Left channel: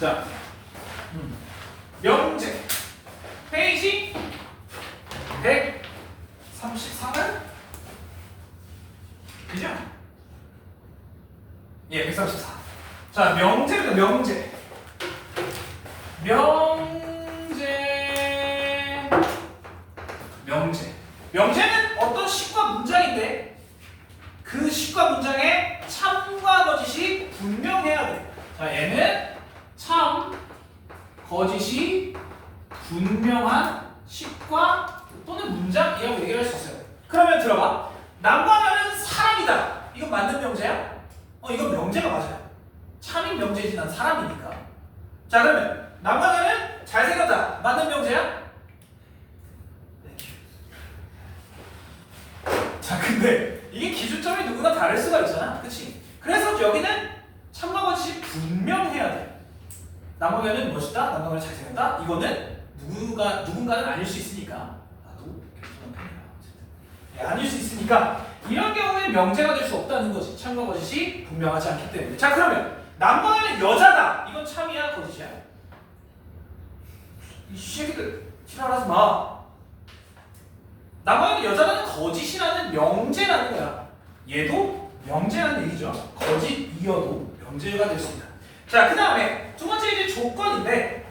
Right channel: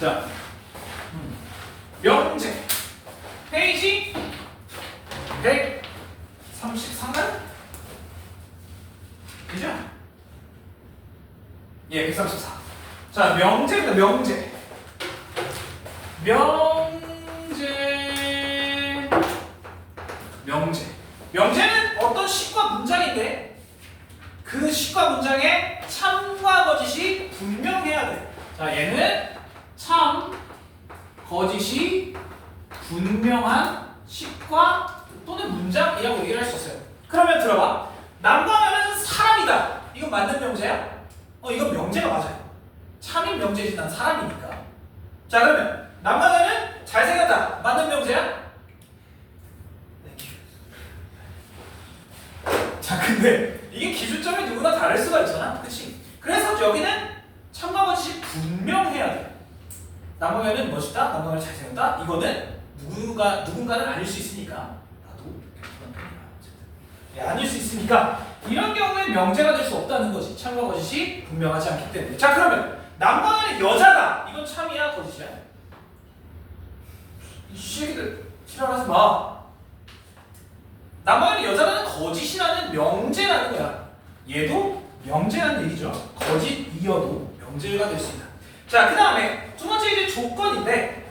자, 명제 페이지 134면 그죠? 예, 134. 자, 명제입니다. 명제. 명제는 어떤 식과 문장인데 그 식과 문장에 참과 거짓이 분명해야 돼. 자, 얘는 참, 거짓이 분명한 식과 또는 문장이라고 얘기를 할 수 있어요. 그러면 들어봐. 남과는 사람이다. 이건 맞는 명제야? 이건 명제가 맞아요. 참인 명제지 난 사람이니까. 자, 그러면 남과는 잘생겼다. 맞는 명제야? 자, 근데 이게 기준점이 누구나 다를 수가 있잖아. 그치? 그래서 여기는 참과 거짓이 분명해야 돼. 남과는 멋있다. 남과는 잘생겼다. 이거는 누군가는 아닐 수 있으니까. 나도 그런 편이야. 아닐 수 있으니까 이런 경우에 명제가 될 수 없다는 거지. 참과 거짓이 분명하지 않기 때문에. 자, 그러면 남과는 여자다. 이건 참이야, 거짓이야? 이 새끼들 지랄하지 마. 남과는 여자라는 거짓이라는 명제라는 거야. 얘도 명제라는 얘기죠. 거짓이어도 명제가 될 수 있다. 자, 그 다음에 두 번째 이제 조건인데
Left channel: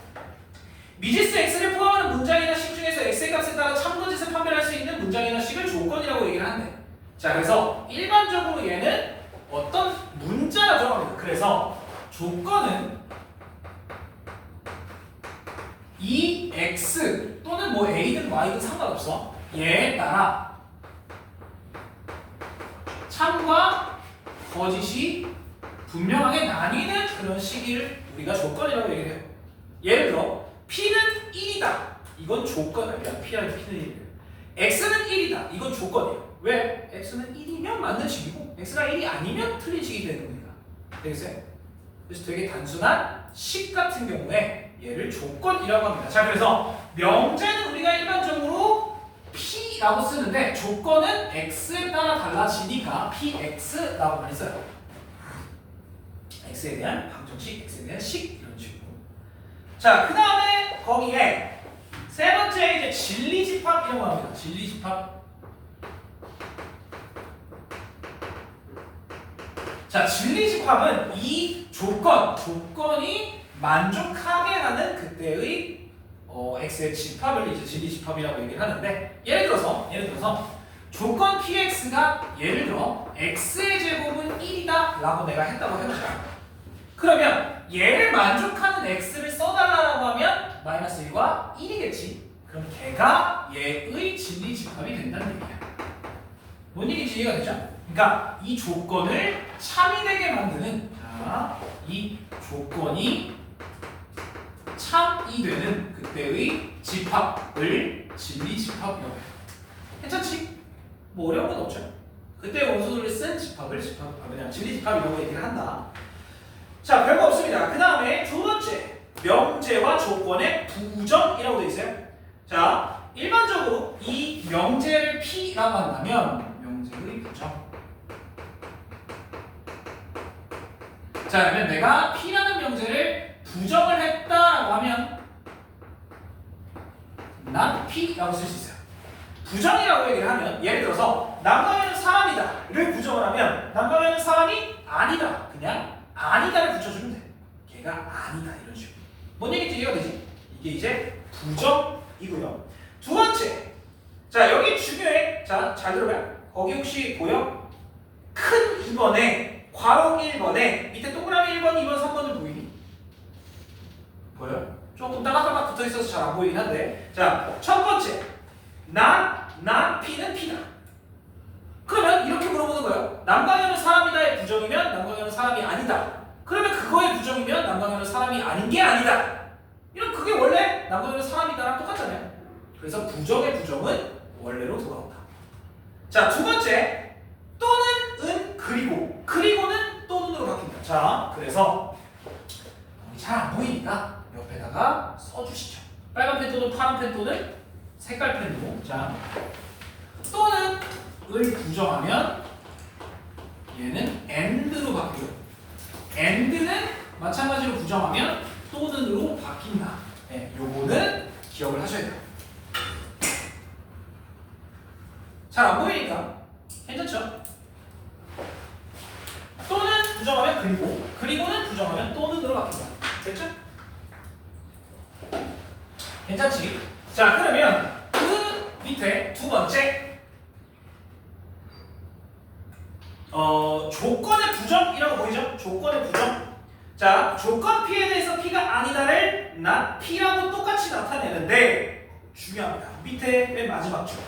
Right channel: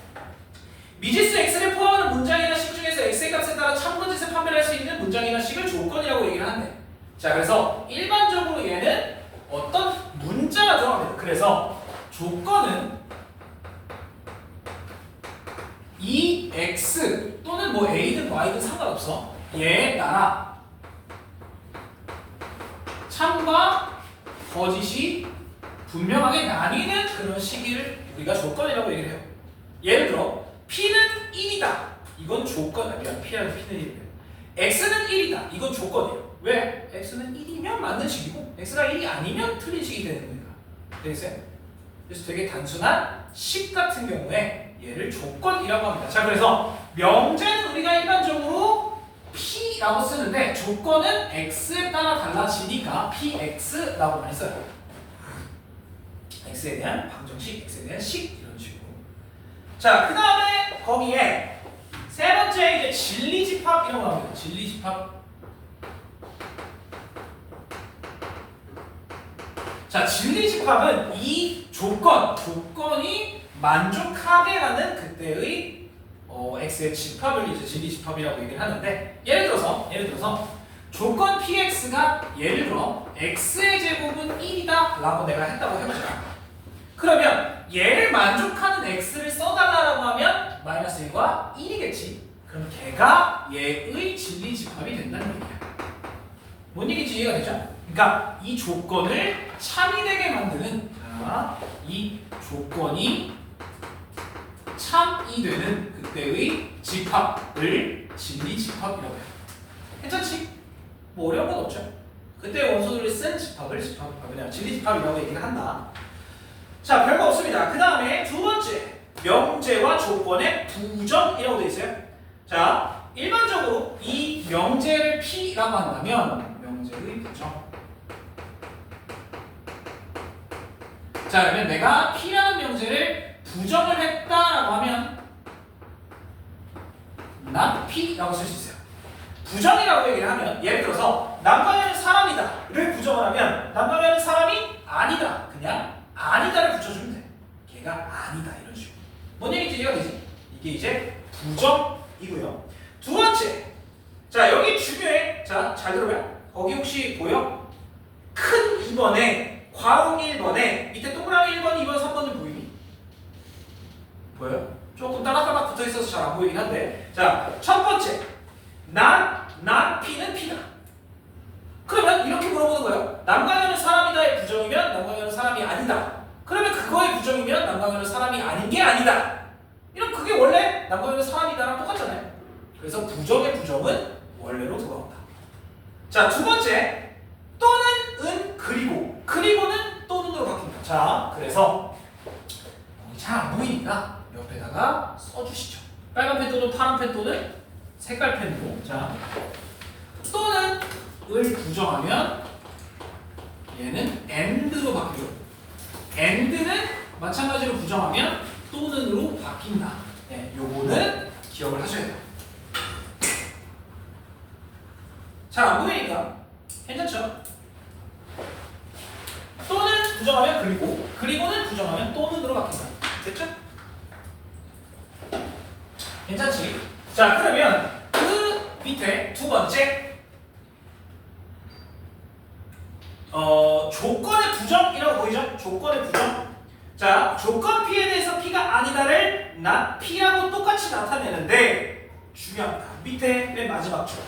미지수 x를 포함하는 문장이나 식 중에서 x의 값에 따라 참거짓을 판별할 수 있는 문장이나 식을 조건이라고 얘기를 한대. 자, 그래서 일반적으로 얘는 어떤 문자가 들어갑니다. 그래서 조건은 이 x 또는 뭐 a든 y든 상관없어. 얘에 따라 참과 거짓이 분명하게 나뉘는 그런 식을 우리가 조건이라고 얘기를 해요. 예를 들어 P는 1이다. 이건 조건 아니야. P는 1이에요. X는 1이다. 이건 조건이에요. 왜? X는 1이면 맞는 식이고 X가 1이 아니면 틀린 식이 되는 거니까. 되겠어요? 그래서 되게 단순한 식 같은 경우에 얘를 조건이라고 합니다. 자, 그래서 명제는 우리가 일반적으로 P라고 쓰는데 조건은 X에 따라 달라지니까 PX라고 많이 써요. X에 대한 방정식, X에 대한 식 이런 식으로. 자, 그 다음에 거기에 세 번째 이제 진리집합 이런 거 나옵니다. 진리집합. 자, 진리집합은 이 조건이 만족하게라는 그때의 x의 집합을 이제 진리집합이라고 얘기를 하는데 예를 들어서 조건 px가 예를 들어 x의 제곱은 1이다 라고 내가 했다고 해보자. 그러면 얘를 만족하는 x를 써달라고 하면 마이너스 1과 1이겠지. 그럼 걔가 얘의 진리집합이 된다는 얘기야. 뭔 얘기인지 이해가 되죠? 그러니까 이 조건을 참이 되게 만드는 이 조건이 참이 되는 그때의 집합을 진리집합이라고 해요. 괜찮지? 뭐 어려운 건 없죠. 그때 원소들이 쓴 집합을 진리집합이라고 얘기를 한다. 자, 별거 없습니다. 그 다음에 두 번째 명제와 조건의 부정이라고 되어 있어요. 자, 일반적으로 이 명제를 P라고 한다면 명제의 부정. 자, 그러면 내가 P라는 명제를 부정을 했다라고 하면 not P라고 쓸 수 있어요. 부정이라고 얘기를 하면 예를 들어서 남과는 사람이다를 부정을 하면 남과는 사람이 아니다. 그냥 아니다를 붙여주면 돼. 걔가 아니다 이런 식으로. 뭔 얘기인지 이해가 되지? 이게 이제 부정이고요. 두 번째, 자 여기 중요해. 자, 잘 들어봐. 거기 혹시 보여? 큰 2번에 괄호 1번에 밑에 동그라미 1번, 2번, 3번은 보이니? 보여요? 조금 따닥따닥 붙어있어서 잘 안 보이긴 한데 자, 첫 번째 난 P는 P다. 그러면 이렇게 물어보는 거예요. 남강현은 사람이다의 부정이면 남강현은 사람이 아니다. 그러면 그거의 부정이면 남강현은 사람이 아닌 게 아니다. 이런 그게 원래 남강현은 사람이다랑 똑같잖아요. 그래서 부정의 부정은 원래로 돌아온다. 자, 두 번째 또는 은 그리고는 또는으로 바뀐다. 자, 그래서 잘 안 보이니까 옆에다가 써주시죠. 빨간 펜 또는 파란 펜 또는 색깔 펜으로. 자, 또는 을 부정하면 얘는 and로 바뀌고 and는 마찬가지로 부정하면 또는으로 바뀐다. 네, 요거는 기억을 하셔야 돼요. 잘 안 보이니까 괜찮죠? 또는 부정하면 그리고, 그리고는 부정하면 또는으로 바뀐다. 됐죠? 괜찮지? 자, 그러면 그 밑에 두 번째 조건의 부정이라고 보이죠? 조건의 부정. 자, 조건 P에 대해서 P가 아니다를 not P하고 똑같이 나타내는데 중요합니다. 밑에 맨 마지막 줄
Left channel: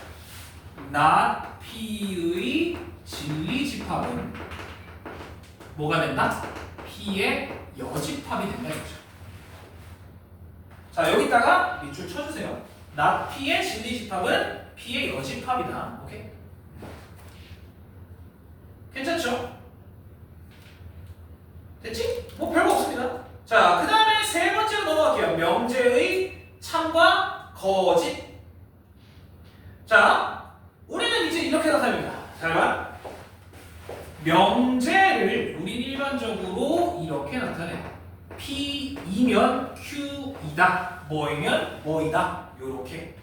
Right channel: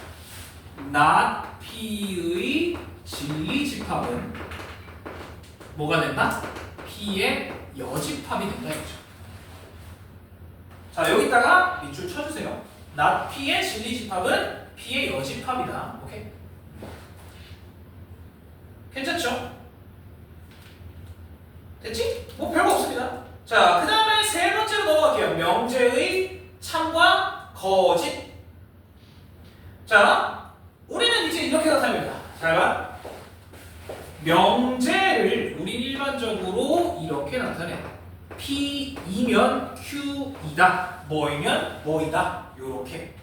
not P의 진리집합은 뭐가 된다? P의 여집합이 된다 이거죠. 자, 여기다가 밑줄 쳐주세요. not P의 진리집합은 P의 여집합이다. 오케이? 괜찮죠? 됐지? 뭐 별거 없습니다. 자, 그 다음에 세 번째로 넘어갈게요. 명제의 참과 거짓. 자, 우리는 이제 이렇게 나타냅니다. 잘 봐. 명제를 우리 일반적으로 이렇게 나타내. P이면 Q이다. 뭐이면 뭐이다. 요렇게.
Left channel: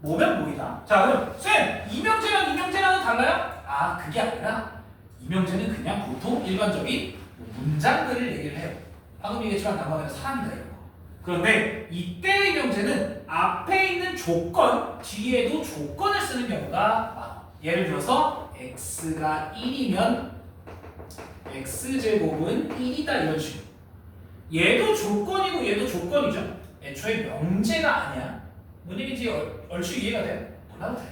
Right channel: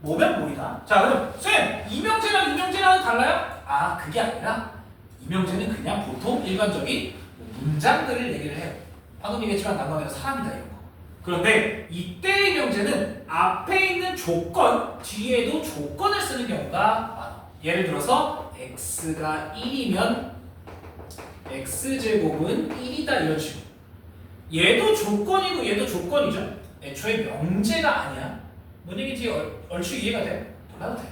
뭐면 뭐이다. 자, 그럼 쌤, 이명제랑 이명제랑은 달라요? 아, 그게 아니라 이명제는 그냥 보통 일반적인 문장들을 얘기를 해요. 방금 얘기했지만 난방에는 사람이다 이런 거. 그런데 이때의 명제는 앞에 있는 조건 뒤에도 조건을 쓰는 경우가 많아. 예를 들어서 x가 1이면 x제곱은 1이다 이런 식으로. 얘도 조건이고 얘도 조건이죠. 애초에 명제가 아니야. 뭔 얘기인지 얼추 이해가 돼? 몰라도 돼.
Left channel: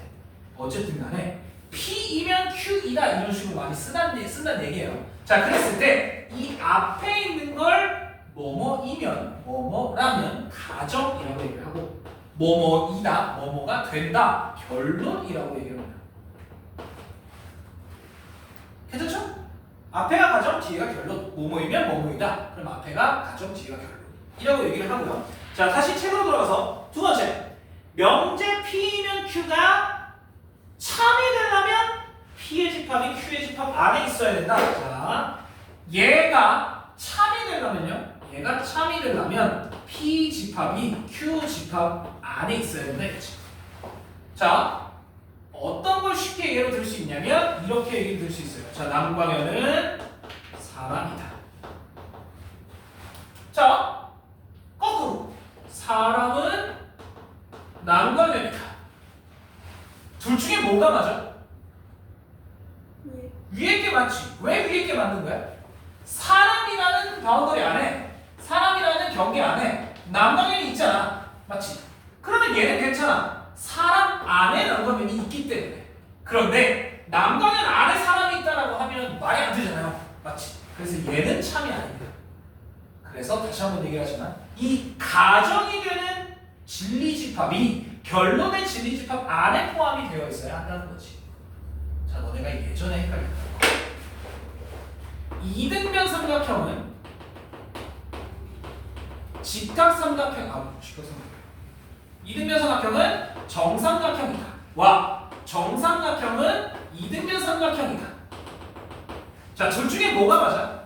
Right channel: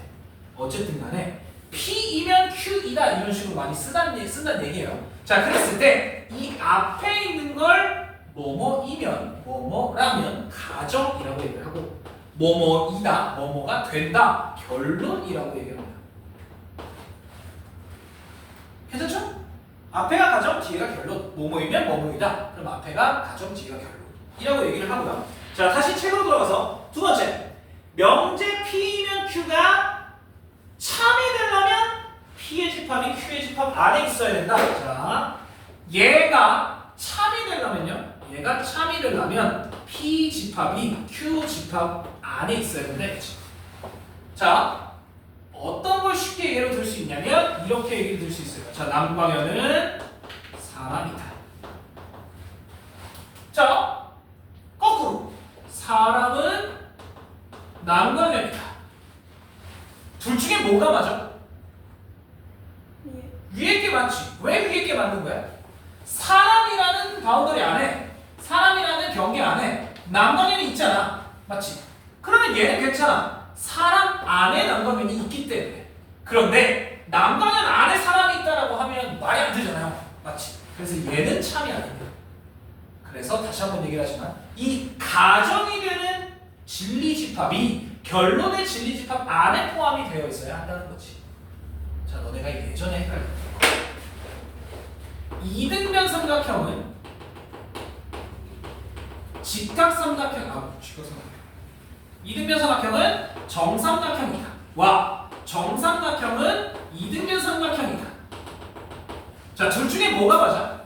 어쨌든 간에 P이면 Q이다 이런 식으로 많이 쓴다는 얘기예요. 자, 그랬을 때 이 앞에 있는 걸 뭐뭐이면 뭐뭐라면 가정이라고 얘기를 하고 뭐뭐이다 뭐뭐가 된다 결론이라고 얘기를 합니다. 괜찮죠? 앞에가 가정 뒤에가 결론. 뭐뭐이면 뭐뭐이다. 그럼 앞에가 가정 뒤에가 결론이라고 얘기를 하고요. 자, 다시 책으로 돌아가서 두 번째 명제 P이면 Q가 참이 되려면 P의 집합이 Q의 집합 안에 있어야 된다. 자, 얘가 참이 되려면요. 얘가 참이 되려면 P 집합이 Q 집합 안에 있어야 된다. 이거지. 자, 어떤 걸 쉽게 예로 들 수 있냐면 이렇게 얘기를 들 수 있어요. 자, 남광현은 사람이다. 자, 거꾸로 사람은 남광현이다. 둘 중에 뭐가 맞아? 위에 게 맞지. 왜 위에 게 맞는 거야? 사람이라는 바운더리 안에, 사람이라는 경계 안에 남광현이 있잖아. 맞지? 그러면 얘는 괜찮아. 사람 안에 남광현이 있기 때문에. 그런데 남광현 안에 사람이 있다라고 하면 말이 안 되잖아요. 맞지? 그래서 얘는 참이 아닙니다. 그래서 다시 한번 얘기를 하지만 이 가정이 되는 진리집합이 결론의 진리집합 안에 포함이 되어 있어야 한다는 거지. 자, 너네가 예전에 헷갈렸던 거. 이등변 삼각형은 직각삼각형, 직각삼각형. 이등변 삼각형은 정삼각형이다. 와, 정삼각형은 이등변 삼각형이다. 자, 둘 중에 뭐가 맞아?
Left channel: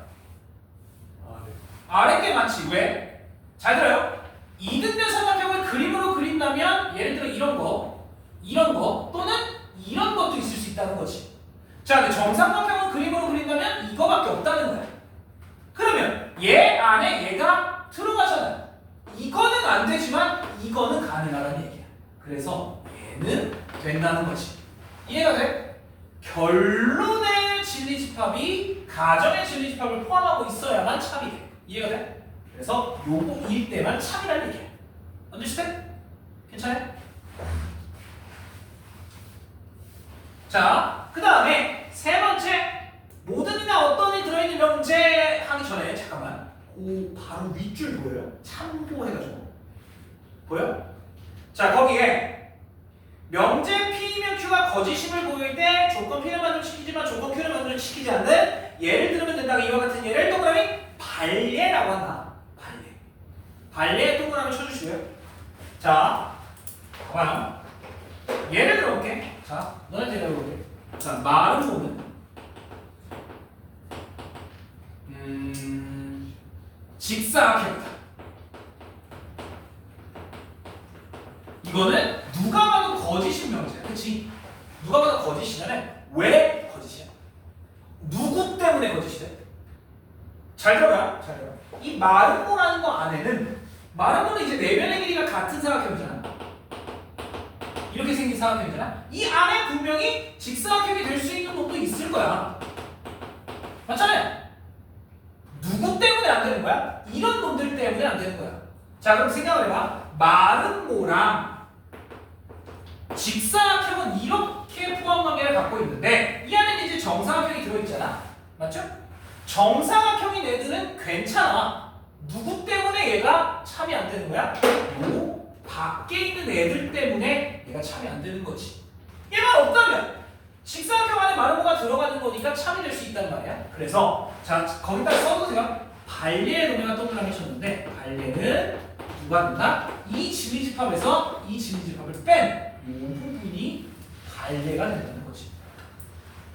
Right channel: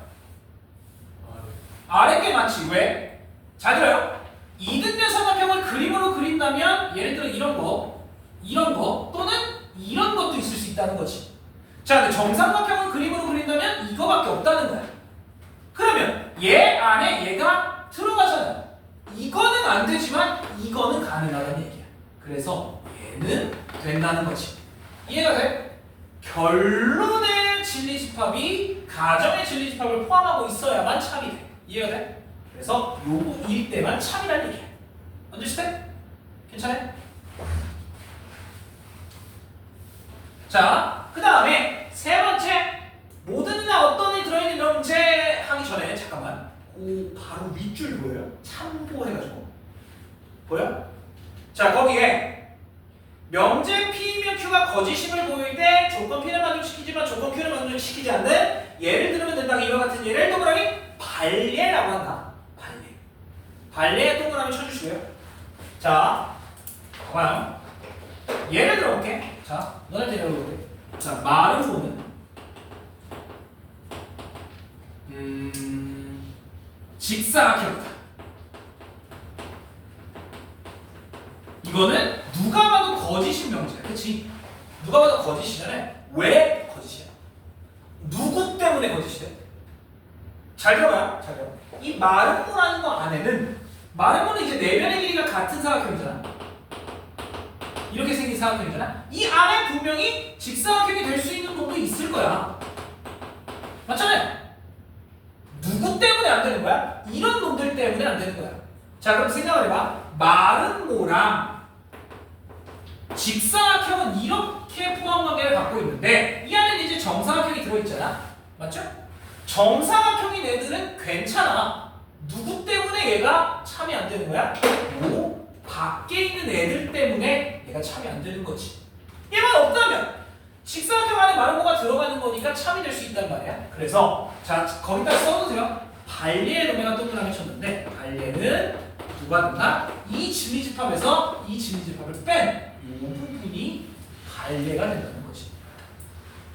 아래 게 맞지. 왜? 잘 들어요. 이등변 삼각형을 그림으로 그린다면 예를 들어 이런 거 또는 이런 것도 있을 수 있다는 거지. 자, 근데 정삼각형을 그림으로 그린다면 이거밖에 없다는 거야. 그러면 얘 안에 얘가 들어가잖아. 이거는 안 되지만 이거는 가능하다는 얘기야. 그래서 얘는 된다는 거지. 이해가 돼? 결론의 진리집합이 가정의 진리집합을 포함하고 있어야만 참이 돼. 이해가 돼? 그래서 요거일 때만 참이라는 얘기야. understand? 괜찮아요? 자, 그 다음에 세 번째, 모든 이나 어떤 이 들어있는 명제 하기 전에 잠깐만, 바로 윗줄 보여요? 참고해가지고 보여? 자, 거기에 명제 P이면 Q가 거짓임을 보일 때 조건 P는 만족시키지만 조건 Q는 만족시키지 않는 예를 들면 된다. 이와 같은 예를 동그라미 발예라고 한다. 발예 동그라미 쳐주시고요. 자, 봐봐요. 예를 들어볼게. 자, 너네한테 열어볼게. 자, 마르모는 직사각형이다. 이거는 누가 봐도 거짓인 명제야. 그치? 누가 봐도 거짓이면 왜 거짓이야? 누구 때문에 거짓이래? 잘 들어봐요. 잘 들어봐. 이 마름모라는 거 안에는 마름모는 이제 내면의 길이가 같은 사각형이잖아. 이렇게 생긴 사각형이잖아. 이 안에 분명히 직사각형이 될 수 있는 놈도 있을 거야. 맞잖아요. 누구 때문에 안 되는 거야? 이런 놈들 때문에 안 되는 거야. 자, 그럼 생각을 해봐. 마름모랑 직사각형은 이렇게 포함관계를 갖고 있는데 이 안에 이제 정사각형이 들어있잖아. 맞죠? 정사각형인 애들은 괜찮아. 누구 때문에 얘가 참이 안 되는 거야? 요 밖에 있는 애들 때문에 얘가 참이 안 되는 거지. 얘만 없다면 직사각형 안에 마름모가 들어가는 거니까 참이 될 수 있단 말이야. 그래서 자, 거기다 써보세요. 발리의 놈에가 동그라미 쳤는데 발리는 누가 넣나? 이 진리집합에서 이 진리집합을 뺀 이 부분이 발레가 된다는 거지.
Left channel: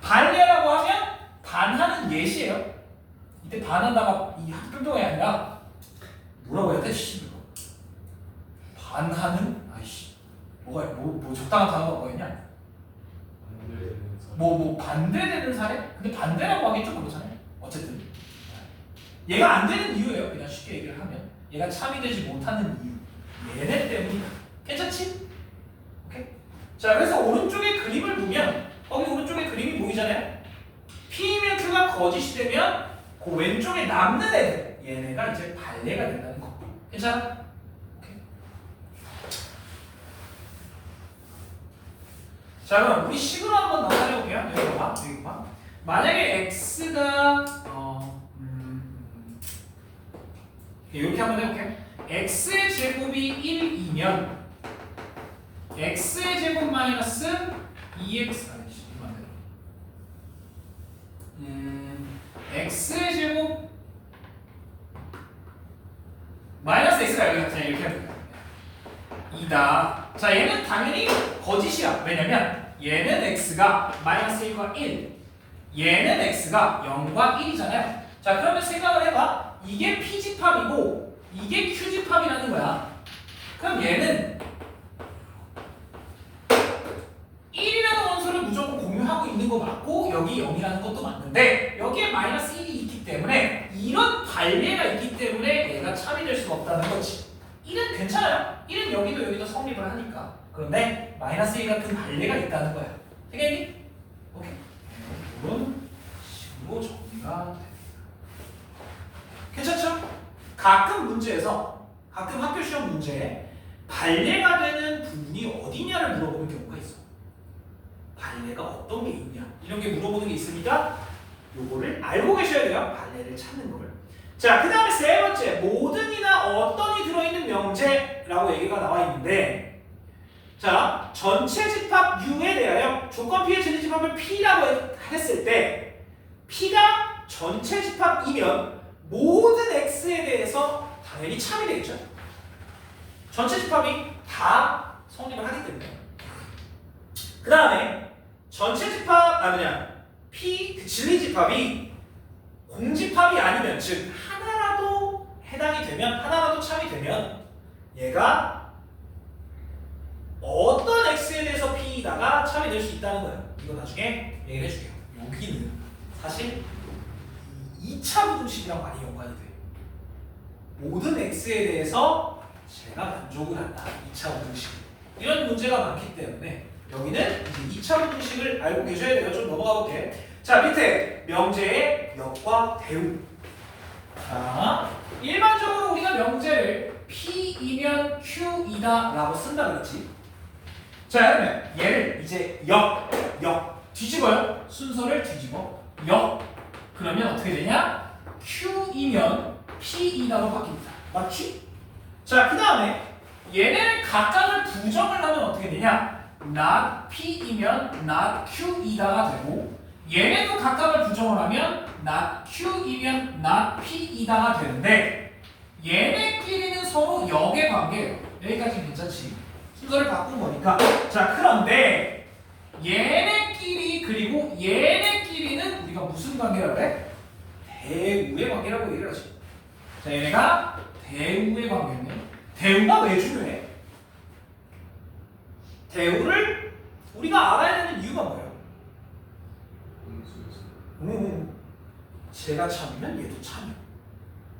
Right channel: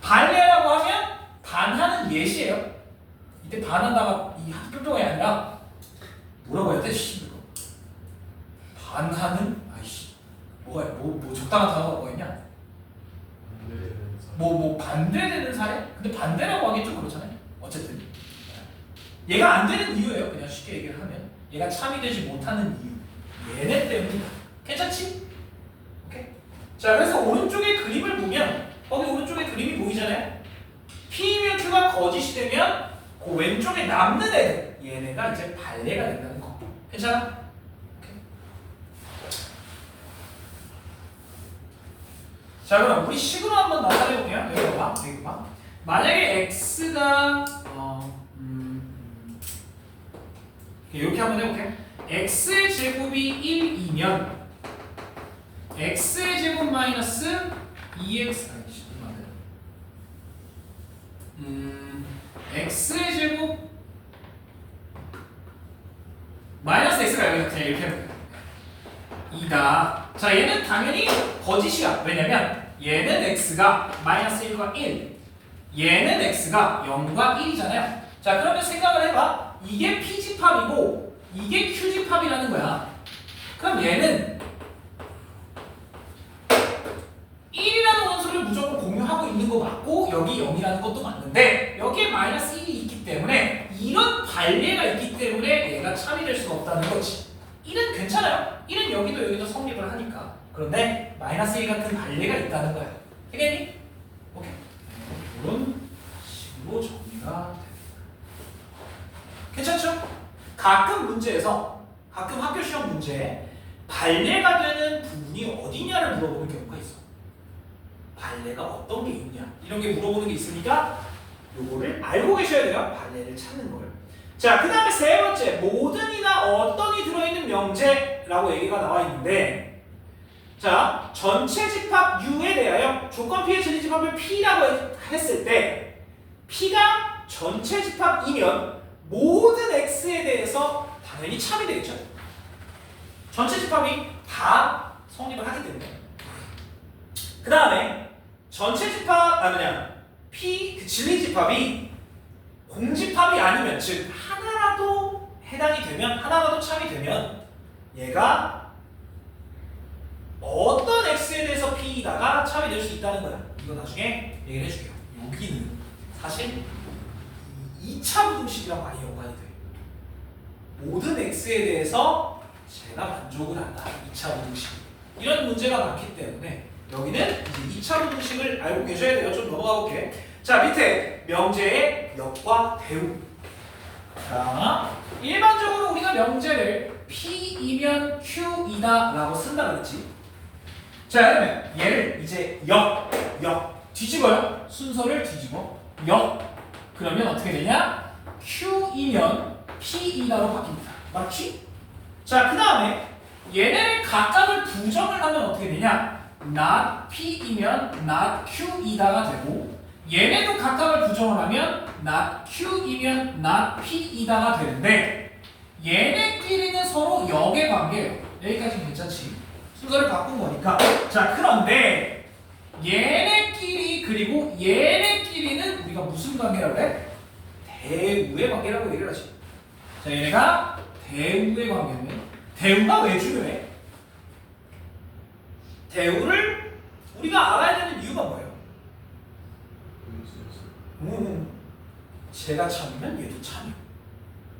발레라고 하면 반하는 예시예요. 이때 반한다가 이 학교병이 아니라 뭐라고 해야 돼? 씨, 반하는 아이씨 뭐 적당한 단어가 뭐가 있냐? 뭐 반대되는 사례? 근데 반대라고 하기 좀 그렇잖아요. 어쨌든 얘가 안 되는 이유예요. 그냥 쉽게 얘기를 하면 얘가 참이 되지 못하는 이유. 얘네 때문이다. 괜찮지? 오케이. 자, 그래서 오른쪽에 그림을 보면 거기 오른쪽에 그림이 보이잖아요. P면 Q가 거짓이 되면 그 왼쪽에 남는 애들 얘네가 이제 발레가 된다는 거. 괜찮아? 오케이. 자, 그럼 우리 식으로 한번 나타내 볼게요. 여기 봐. 여기 봐. 만약에 x가 이렇게 한번 해볼게요. x의 제곱이 1이면 x의 제곱 마이너스 2x x의 제곱 마이너스 x가 여기 그냥 이렇게 하면 돼요. 2다. 자, 얘는 당연히 거짓이야. 왜냐면 얘는 x가 마이너스 1과 1, 얘는 x가 0과 1이잖아요. 자, 그러면 생각을 해봐. 이게 P집합이고 이게 Q집합이라는 거야. 그럼 얘는 1이라는 원소를 무조건 공유하고 있는 거 맞고 여기 0이라는 것도 맞는데 여기에 마이너스 1이 있기 때문에 이런 관계가 있기 때문에 얘가 참이 될 수가 없다는 거지. 1은 괜찮아요. 1은 여기도 성립을 하니까. 그런데 마이너스 1 같은 관계가 있다는 거야. 되겠니? 오케이. 이런 식으로 정리가 됩니다. 괜찮죠? 가끔 문제에서 가끔 학교 시험 문제에 발레가 되는 부분이 어디냐를 물어보는 경우가 있어. 발레가 어떤 게 있냐 이런 게 물어보는 게 있으니까 요거를 알고 계셔야 돼요. 발레를 찾는 거를. 자, 그 다음에 세 번째 모든이나 어떤이 들어있는 명제라고 얘기가 나와 있는데 자, 전체 집합 U에 대하여 조건 P의 진리집합을 P라고 했을 때 P가 전체 집합이면 모든 X에 대해서 당연히 참이 되겠죠. 전체 집합이 다 성립을 하기 때문에. 그 다음에 전체 집합 P 그 진리 집합이 공집합이 아니면 즉 하나라도 해당이 되면 하나라도 참이 되면 얘가 어떤 X에 대해서 P다가 참이 될 수 있다는 거야. 이거 나중에 얘기를 해줄게요. 여기는 사실 2차 부등식이랑 많이 연관이 돼. 모든 X에 대해서 제가 만족을 한다. 2차 부등식. 이런 문제가 많기 때문에 여기는 이제 2차 부등식을 알고 계셔야 돼요. 좀 넘어가 볼게. 자, 밑에 명제의 역과 대응. 자, 일반적으로 우리가 명제를 P이면 Q이다 라고 쓴다 그랬지. 자, 그러면 얘를 이제 역 뒤집어요. 순서를 뒤집어. 그러면 어떻게 되냐? Q이면 P이다로 바뀝니다. 맞지? 자, 그 다음에 얘네를 각각을 부정을 하면 어떻게 되냐? not P이면 not Q이다가 되고 얘네도 각각을 부정을 하면 not Q이면 not P이다가 되는데 얘네끼리는 서로 역의 관계예요. 여기까지는 괜찮지? 순서를 바꾼 거니까. 자, 그런데 얘네끼리 그리고 얘네끼리는 우리가 무슨 관계라고 해? 대우의 관계라고 얘기를 하지. 자, 얘네가 대우의 관계면 대우가 왜 중요해? 대우를 우리가 알아야 되는 이유가 뭐예요? 제가 참이면 얘도 참이요.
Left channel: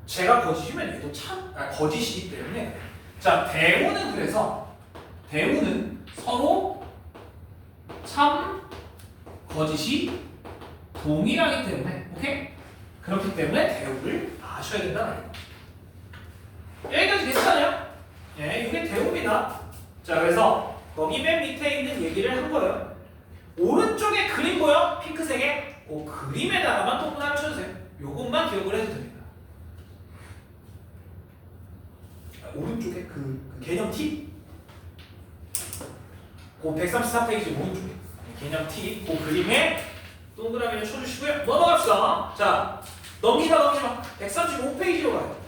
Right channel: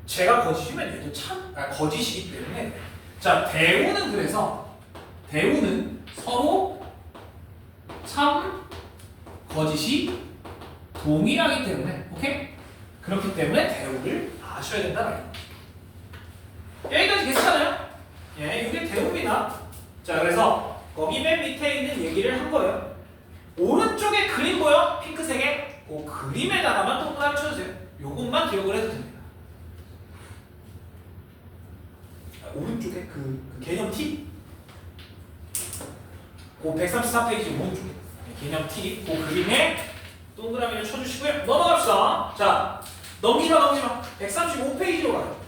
제가 거짓이면 얘도 거짓이기 때문에 자 대우는 그래서 대우는 서로 참 거짓이 동일하기 때문에 오케이? 그렇기 때문에 대우를 아셔야 된다는 거예요. 여기까지 괜찮아요? 예, 이게 대우입니다. 자 그래서 거기 맨 밑에 있는 얘기를 한 거예요. 오른쪽에 그림 보여? 핑크색에 그 그림에다가만 동그라미 쳐주세요. 요것만 기억을 해도 됩니다. 오른쪽에 그 개념 T 그 134페이지 오른쪽에 개념 T 그 그림에 동그라미를 쳐주시고요. 넘어갑시다. 자 넘기마 135페이지로 가요.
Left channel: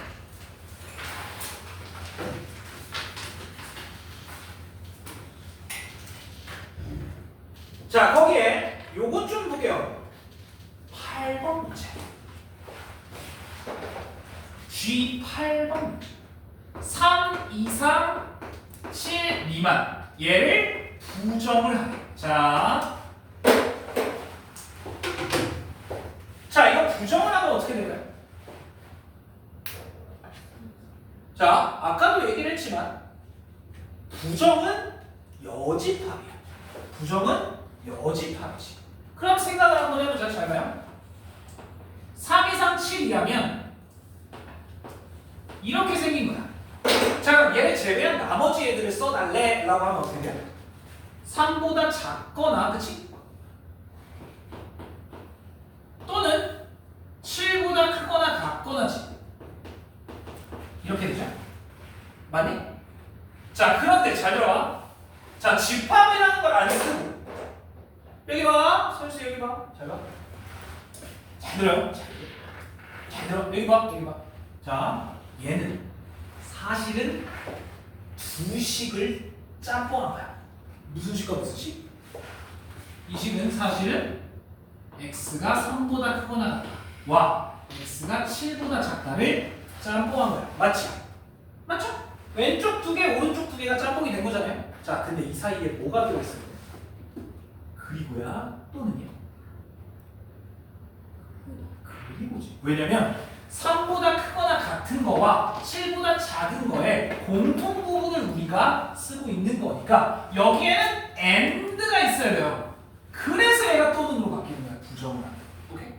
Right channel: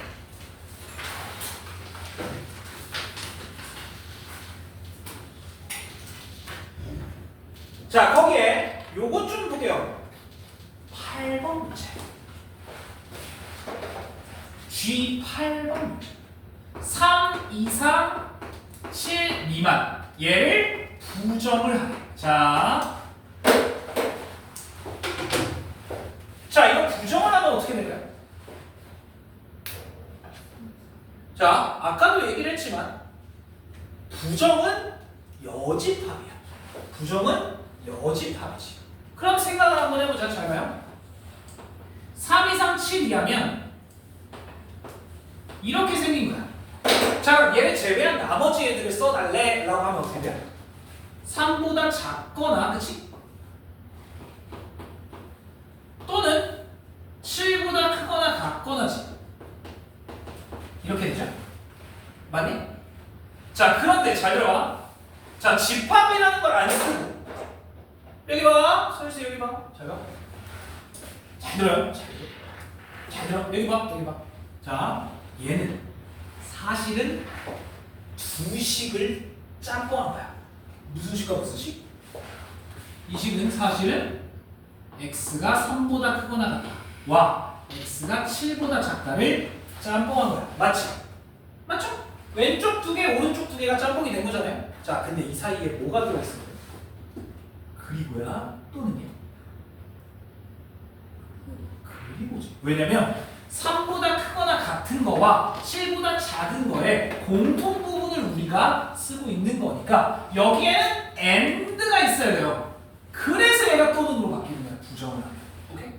자 거기에 요것 좀 볼게요. 8번 문제 G8번 문제 3 이상 7 미만 얘를 부정을 하래. 자 이거 부정을 하면 어떻게 될까요? 자 아까도 얘기를 했지만 부정은 여집합이야. 부정은 여집합이지. 그럼 생각을 한번 해보자. 잘 봐요. 3 이상 7 이하면 이렇게 생긴 거야. 자 얘 제외한 나머지 애들을 써달래 라고 하면 어떻게 돼? 3보다 작거나 그치? 또는 7보다 크거나 같거나지. 이렇게 되죠? 맞니? 자 그런데 잘 들어봐. 자 집합이라는 걸 안 쓰고 여기 봐. 서울시 여기 봐. 잘 봐. 잘 들어요. 잘 들어. 여기 봐. 여기 봐. 자 얘는 사실은 두 식을 짬뽕한 거야. 무슨 식과 무슨 식? 이 식은 사실은 x가 3보다 크거나 같다. 와 x가 7보다 작다를 짬뽕한 거야. 맞지? 맞죠? 왼쪽 두 개, 오른쪽 두 개가 짬뽕이 된 거잖아요. 자, 근데 이 사이에 뭐가 들어있어요? 그리고야 또는요? 그리고지. 왜냐면 3보다 크거나 같은 거와 7보다 작은 거에 공통 부분을 우리가 쓰고 있는 거니까 여기에는 and가 있어야 돼요. 그래서 얘가 또는으로 바뀌는 거야. 부정을 하면. 오케이?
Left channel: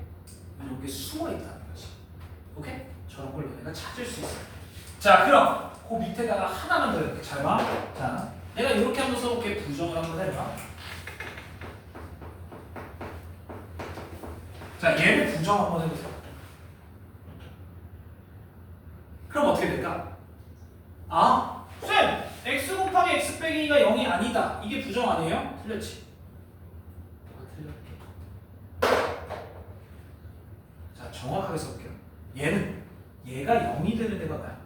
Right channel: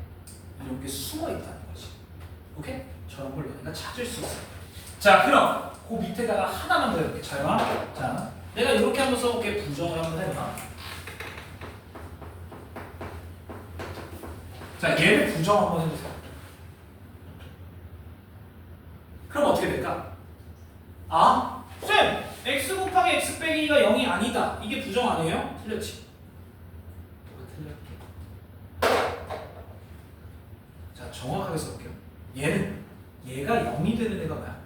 이렇게 숨어 있다는 거지. 오케이? 저런 걸 우리가 찾을 수 있어요. 자, 그럼 그 밑에다가 하나만 더 이렇게 잘 봐. 자, 내가 이렇게 한번 써볼게. 부정을 한번 해봐. 자, 얘를 부정 한번 해보세요. 그럼 어떻게 될까? 아, 쌤! x 곱하기 x 빼기 2가 0이 아니다. 이게 부정 아니에요? 틀렸지? 자, 정확하게 써볼게요. 얘가 0이 되는 애가 뭐야?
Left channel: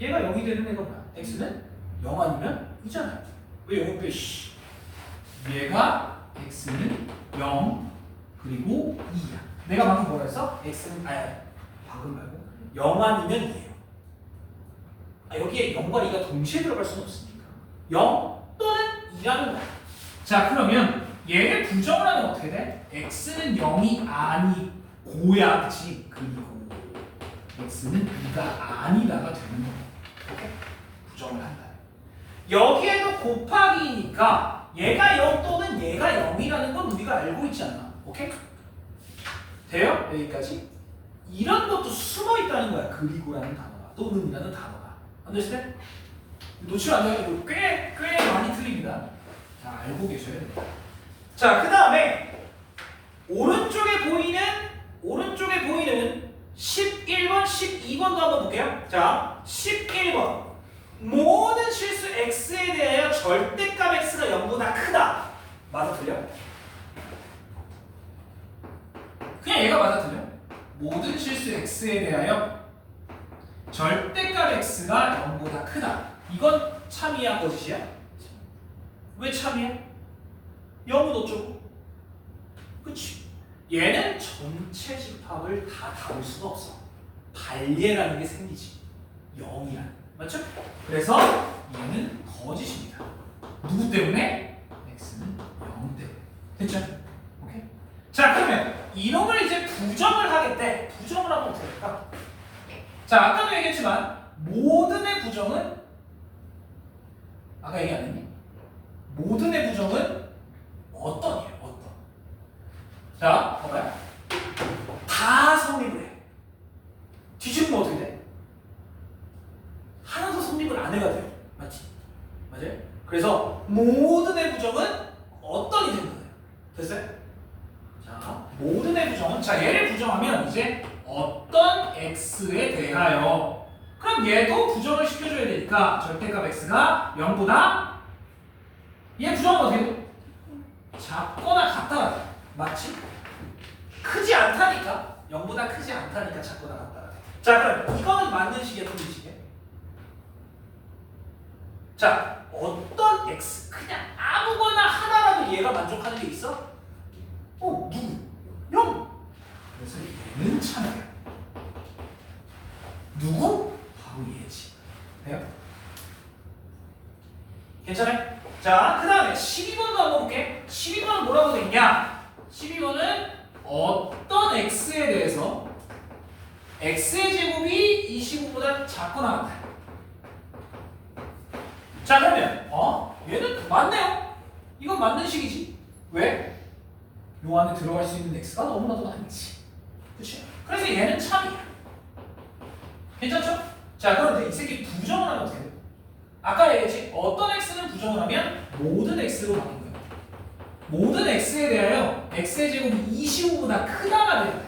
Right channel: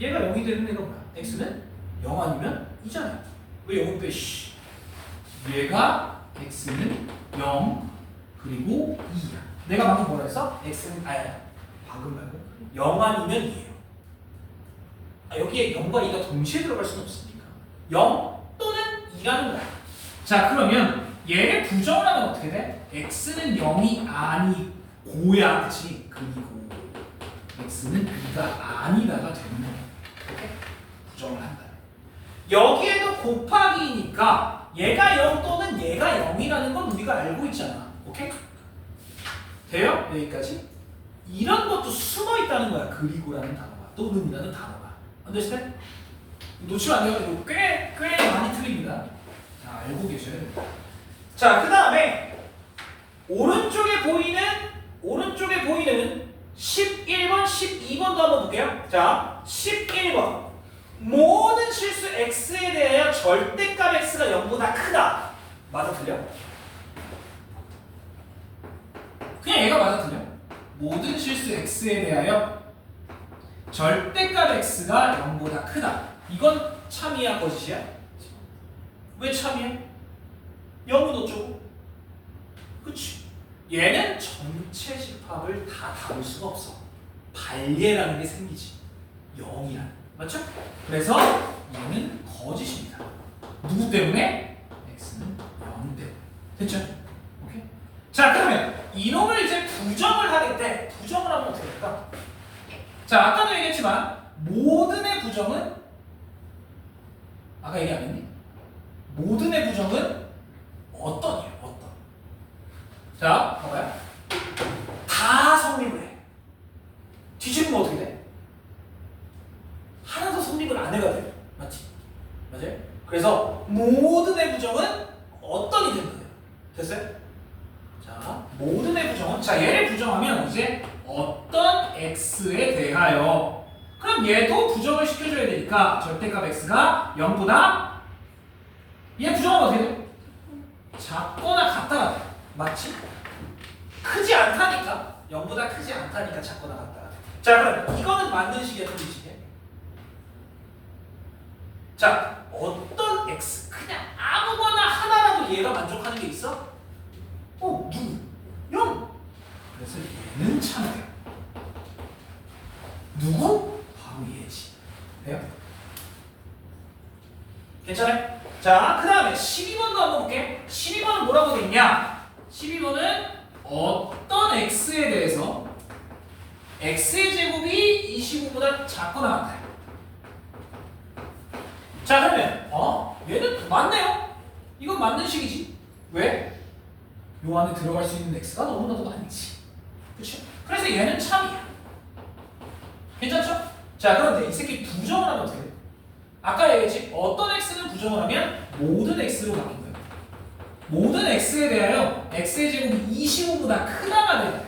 얘가 0이 되는 애가 뭐야? x는 0 아니면 2잖아요. 왜 0을 빼? 얘가 x는 0 그리고 2야. 내가 방금 뭐라 했어? x는 방금 말고 0 아니면 2예요. 여기에 0과 2가 동시에 들어갈 수는 없으니까 0 또는 2라는 거야. 자 그러면 얘를 부정을 하면 어떻게 돼? x는 0이 아니고야 그치? 그리고 x는 2가 아니다가 되는 거야. 오케이? 부정을 한다. 여기에도 곱하기니까 얘가 0 또는 얘가 0이라는 건 우리가 알고 있잖아. 오케이? 돼요? 여기까지? 이런 것도 숨어 있다는 거야. 그리고라는 단어가 또는이라는 단어가. understand? 놓치면 안 돼요. 이거 꽤 많이 틀립니다. 자, 알고 계셔야 돼요. 자, 그 다음에 오른쪽에 보이는 11번, 12번도 한번 볼게요. 자, 11번. 모든 실수 x에 대하여 절대값 x가 0보다 크다. 맞아 틀려? 그냥 얘가 맞아 틀려. 모든 실수 x에 대하여 절대값 x가 0보다 크다. 이건 참이야 거짓이야? 왜 참이야? 0은 어쩌고? 그치? 얘는 전체 집합을 다 담을 수가 없어. 발예라는 게 생기지. 0이란. 맞죠? 그래서 얘는 거짓입니다. 누구 때문에? x는 0 때문에. 됐죠? 오케이? 자, 그러면 이놈을 이제 부정을 하겠대. 부정을 하면 어떻게 될까? 자, 아까도 얘기했지만 모든의 부정은 아까 얘기 안 했니? 모든의 부정은 어떤이에요? 어떤? 자, 봐봐요. 다 성립을 해. 뒤집으면 어떻게 돼? 하나도 성립을 안 해가 돼요. 맞지? 맞아요? 그래서 모든의 부정은 어떤이 된다. 됐어요? 자, 모든의 부정은 자 얘를 부정하면 이제 어떤 x에 대하여 그럼 얘도 부정을 시켜줘야 되니까 절대값 x가 0보다 얘 부정은 어떻게 돼? 작거나 같다가 돼. 맞지? 크지 않다니까 0보다 크지 않다니까 작거나 같다가 돼. 자 그럼 이거는 맞는 식이야 틀린 식이야? 자 어떤 x 그냥 아무거나 하나라도 얘가 만족하는 게 있어? 누구? 0! 그래서 얘는 참이에요. 누구? 바로 얘지. 돼요? 괜찮아요? 자, 그 다음에 12번도 한번 볼게. 12번은 뭐라고 돼 있냐? 12번은 어떤 x에 대해서 x의 제곱이 25보다 작거나 같다. 자, 그러면 얘는 맞네요. 이건 맞는 식이지. 왜? 요 안에 들어갈 수 있는 x가 너무나도 많지. 그렇죠? 그래서 얘는 참이야. 괜찮죠? 자, 그런데 이 새끼 부정을 하면 어떻게 돼? 아까 얘기했지? 어떤 x는 부정을 하면 모든 x로 바뀐 거야. 모든 x에 대하여 x의 제곱이 25보다 크다가 돼야 돼.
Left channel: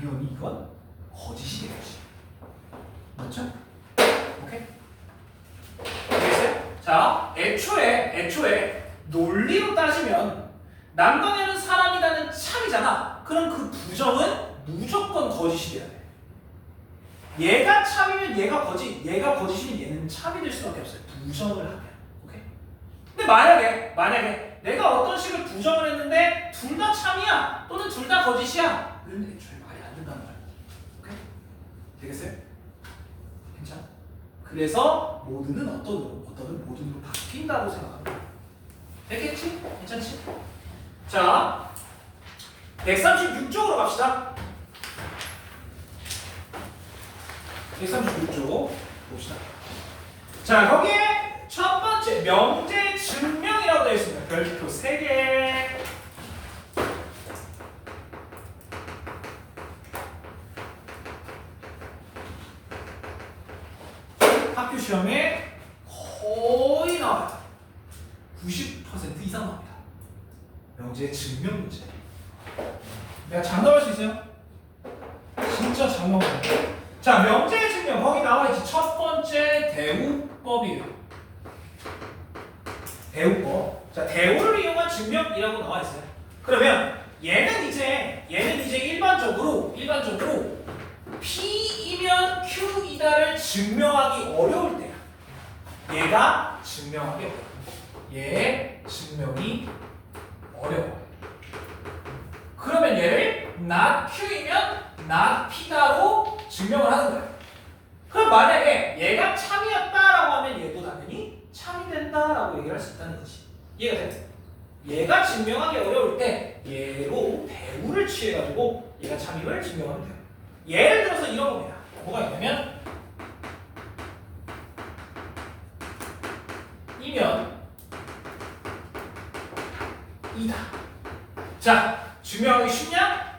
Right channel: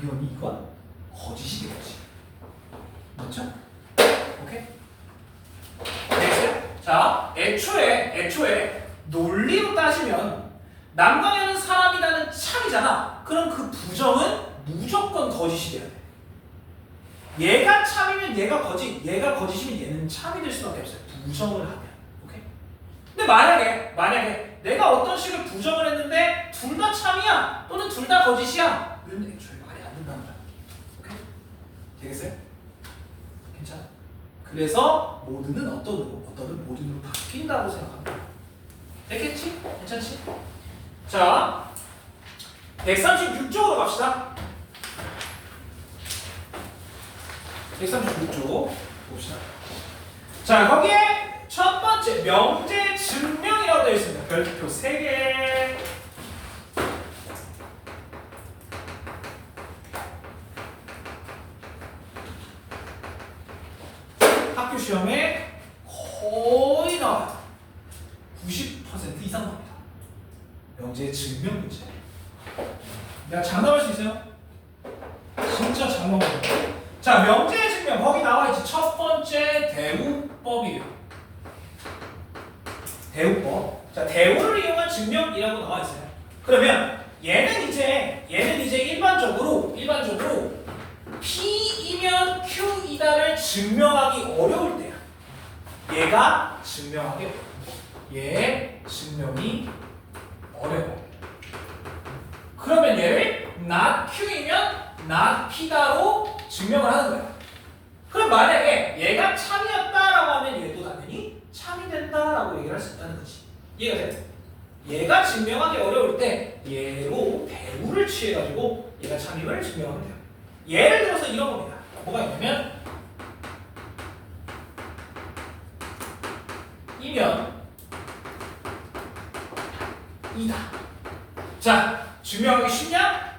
당연히 이건 거짓이 되겠지. 맞죠? 오케이? 알겠어요? 자, 애초에 논리로 따지면 남강현은 사람이라는 참이잖아. 그럼 그 부정은 무조건 거짓이 돼야 돼. 얘가 참이면 얘가 거짓, 얘가 거짓이면 얘는 참이 될 수밖에 없어요. 부정을 하면. 오케이? 근데 만약에 내가 어떤 식을 부정을 했는데 둘 다 참이야 또는 둘 다 거짓이야. 이런 애초에 말이 안 된다는 거야. 오케이? 되겠어요? 괜찮아? 그래서 모두는 어떤은 모두로 바뀐다고 생각합니다. 됐겠지? 괜찮지? 자, 136쪽으로 갑시다. 136쪽 봅시다. 자, 거기에 첫 번째 명제 증명이라고 되어 있습니다. 별표 3개. 학교 시험에 거의 나와요. 90% 이상 나옵니다. 명제 증명 문제. 내가 장담할 수 있어요? 진짜 장담합니다. 자, 명제 증명 거기 나와 있지. 첫 번째 대우법이에요. 대우법. 자, 대우를 이용한 증명이라고 나와 있어요. 그러면 얘는 이제 일반적으로 P이면 Q이다를 증명하기 어려울 때야. 얘가 증명하기 어려워. 얘 증명이 어려워. 그러면 얘를 not Q이면 not P다로 증명을 하는 거야. 그럼 만약에 얘가 참이었다라고 하면 얘도 당연히 참이 된다라고 얘기를 할 수 있다는 거지. 이해가 돼? 얘가 증명하기 어려울 때 얘로 대우를 취해가지고 얘가 참임을 증명하면 돼요. 예를 들어서 이런 겁니다. 뭐가 있냐면 이면 이다. 자, 증명하기 쉽냐?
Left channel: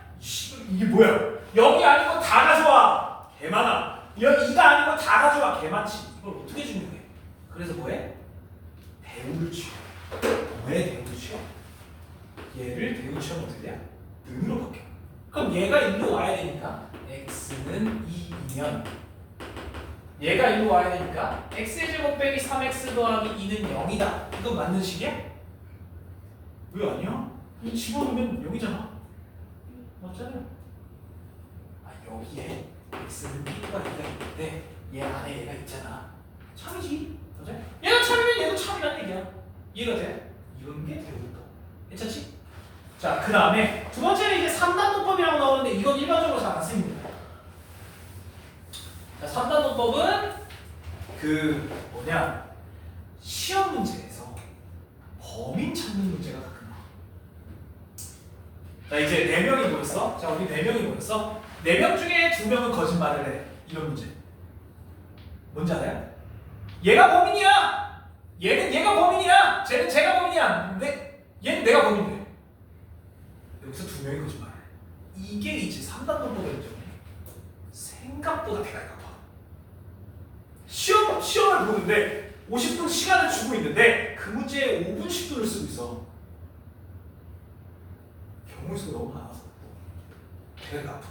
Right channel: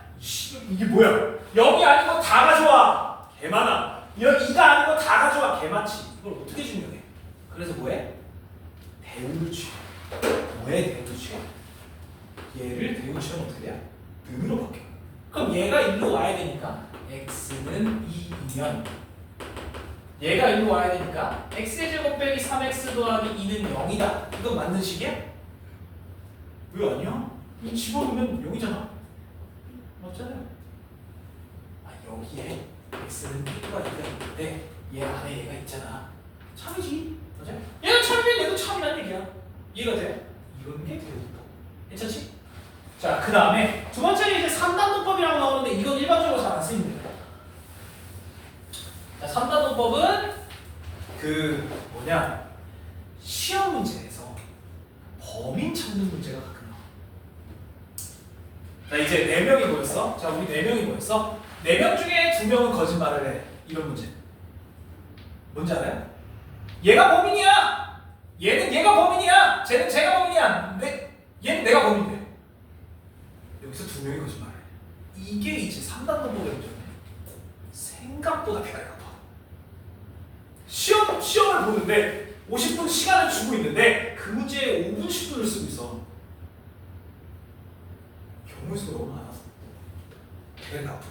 이게 뭐야? 0이 아니고 다 가져와. 개 많아. 2가 아니고 다 가져와. 개 많지. 이걸 어떻게 증명해? 그래서 뭐해? 대우를 취해. 왜 대우를 취해? 얘를 대우 취하면 어떻게 돼? 는으로 바뀌어. 그럼 얘가 일로 와야 되니까 x는 2이면 얘가 일로 와야 되니까 x의 제곱 빼기 3x 더하기 2는 0이다. 이건 맞는 식이야? 왜 아니야? 이 집어넣으면 0이잖아. 맞잖아요. 여기에 x는 1가 있는데 얘 안에 얘가 있잖아. 참이지. 맞아? 얘는 참이면 얘도 참이란 얘기야. 이해가 돼? 이런 게 대우법. 괜찮지? 자, 그 다음에 두 번째는 이제 3단원법이라고 나오는데 이건 일반적으로 잘 안 쓰입니다. 자, 3단원법은 그 뭐냐 시험 문제에서 범인 찾는 문제가 가끔 나와. 자 이제 4명이 모였어. 자 우리 4명이 모였어. 4명 중에 2명은 거짓말을 해. 이런 문제. 뭔지 알아요? 얘가 범인이야. 얘는 얘가 범인이야. 쟤는 제가 범인이야. 근데 얘는 내가 범인이래. 여기서 2명이 거짓말을 해. 이게 이제 3단 논법의 문제네. 생각보다 대가리 아파. 시험을 보는데 50분 시간을 주고 있는데 그 문제에 5분 10분을 쓰고 있어. 경우의 수가 너무 많아서 대가리가 아파.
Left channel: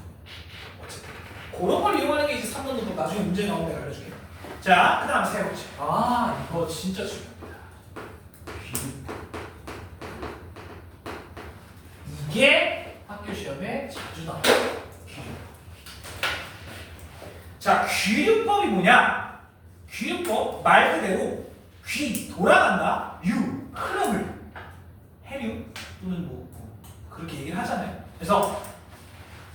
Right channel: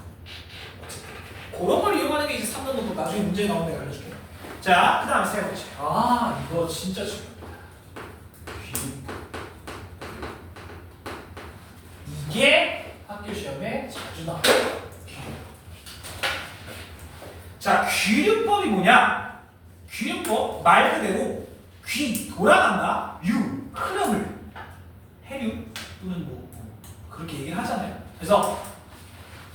어쨌든 그런 걸 이용하는 게 이제 3단 논법. 나중에 문제 나오면 내가 알려줄게. 자, 그 다음에 세 번째. 아, 이거 진짜 중요합니다. 이게 학교 시험에 자주 나와요. 자, 귀류법이 뭐냐? 귀류법 말 그대로 귀 돌아간다. 류 흐름을 해류 또는 뭐 그렇게 얘기를 하잖아요. 그래서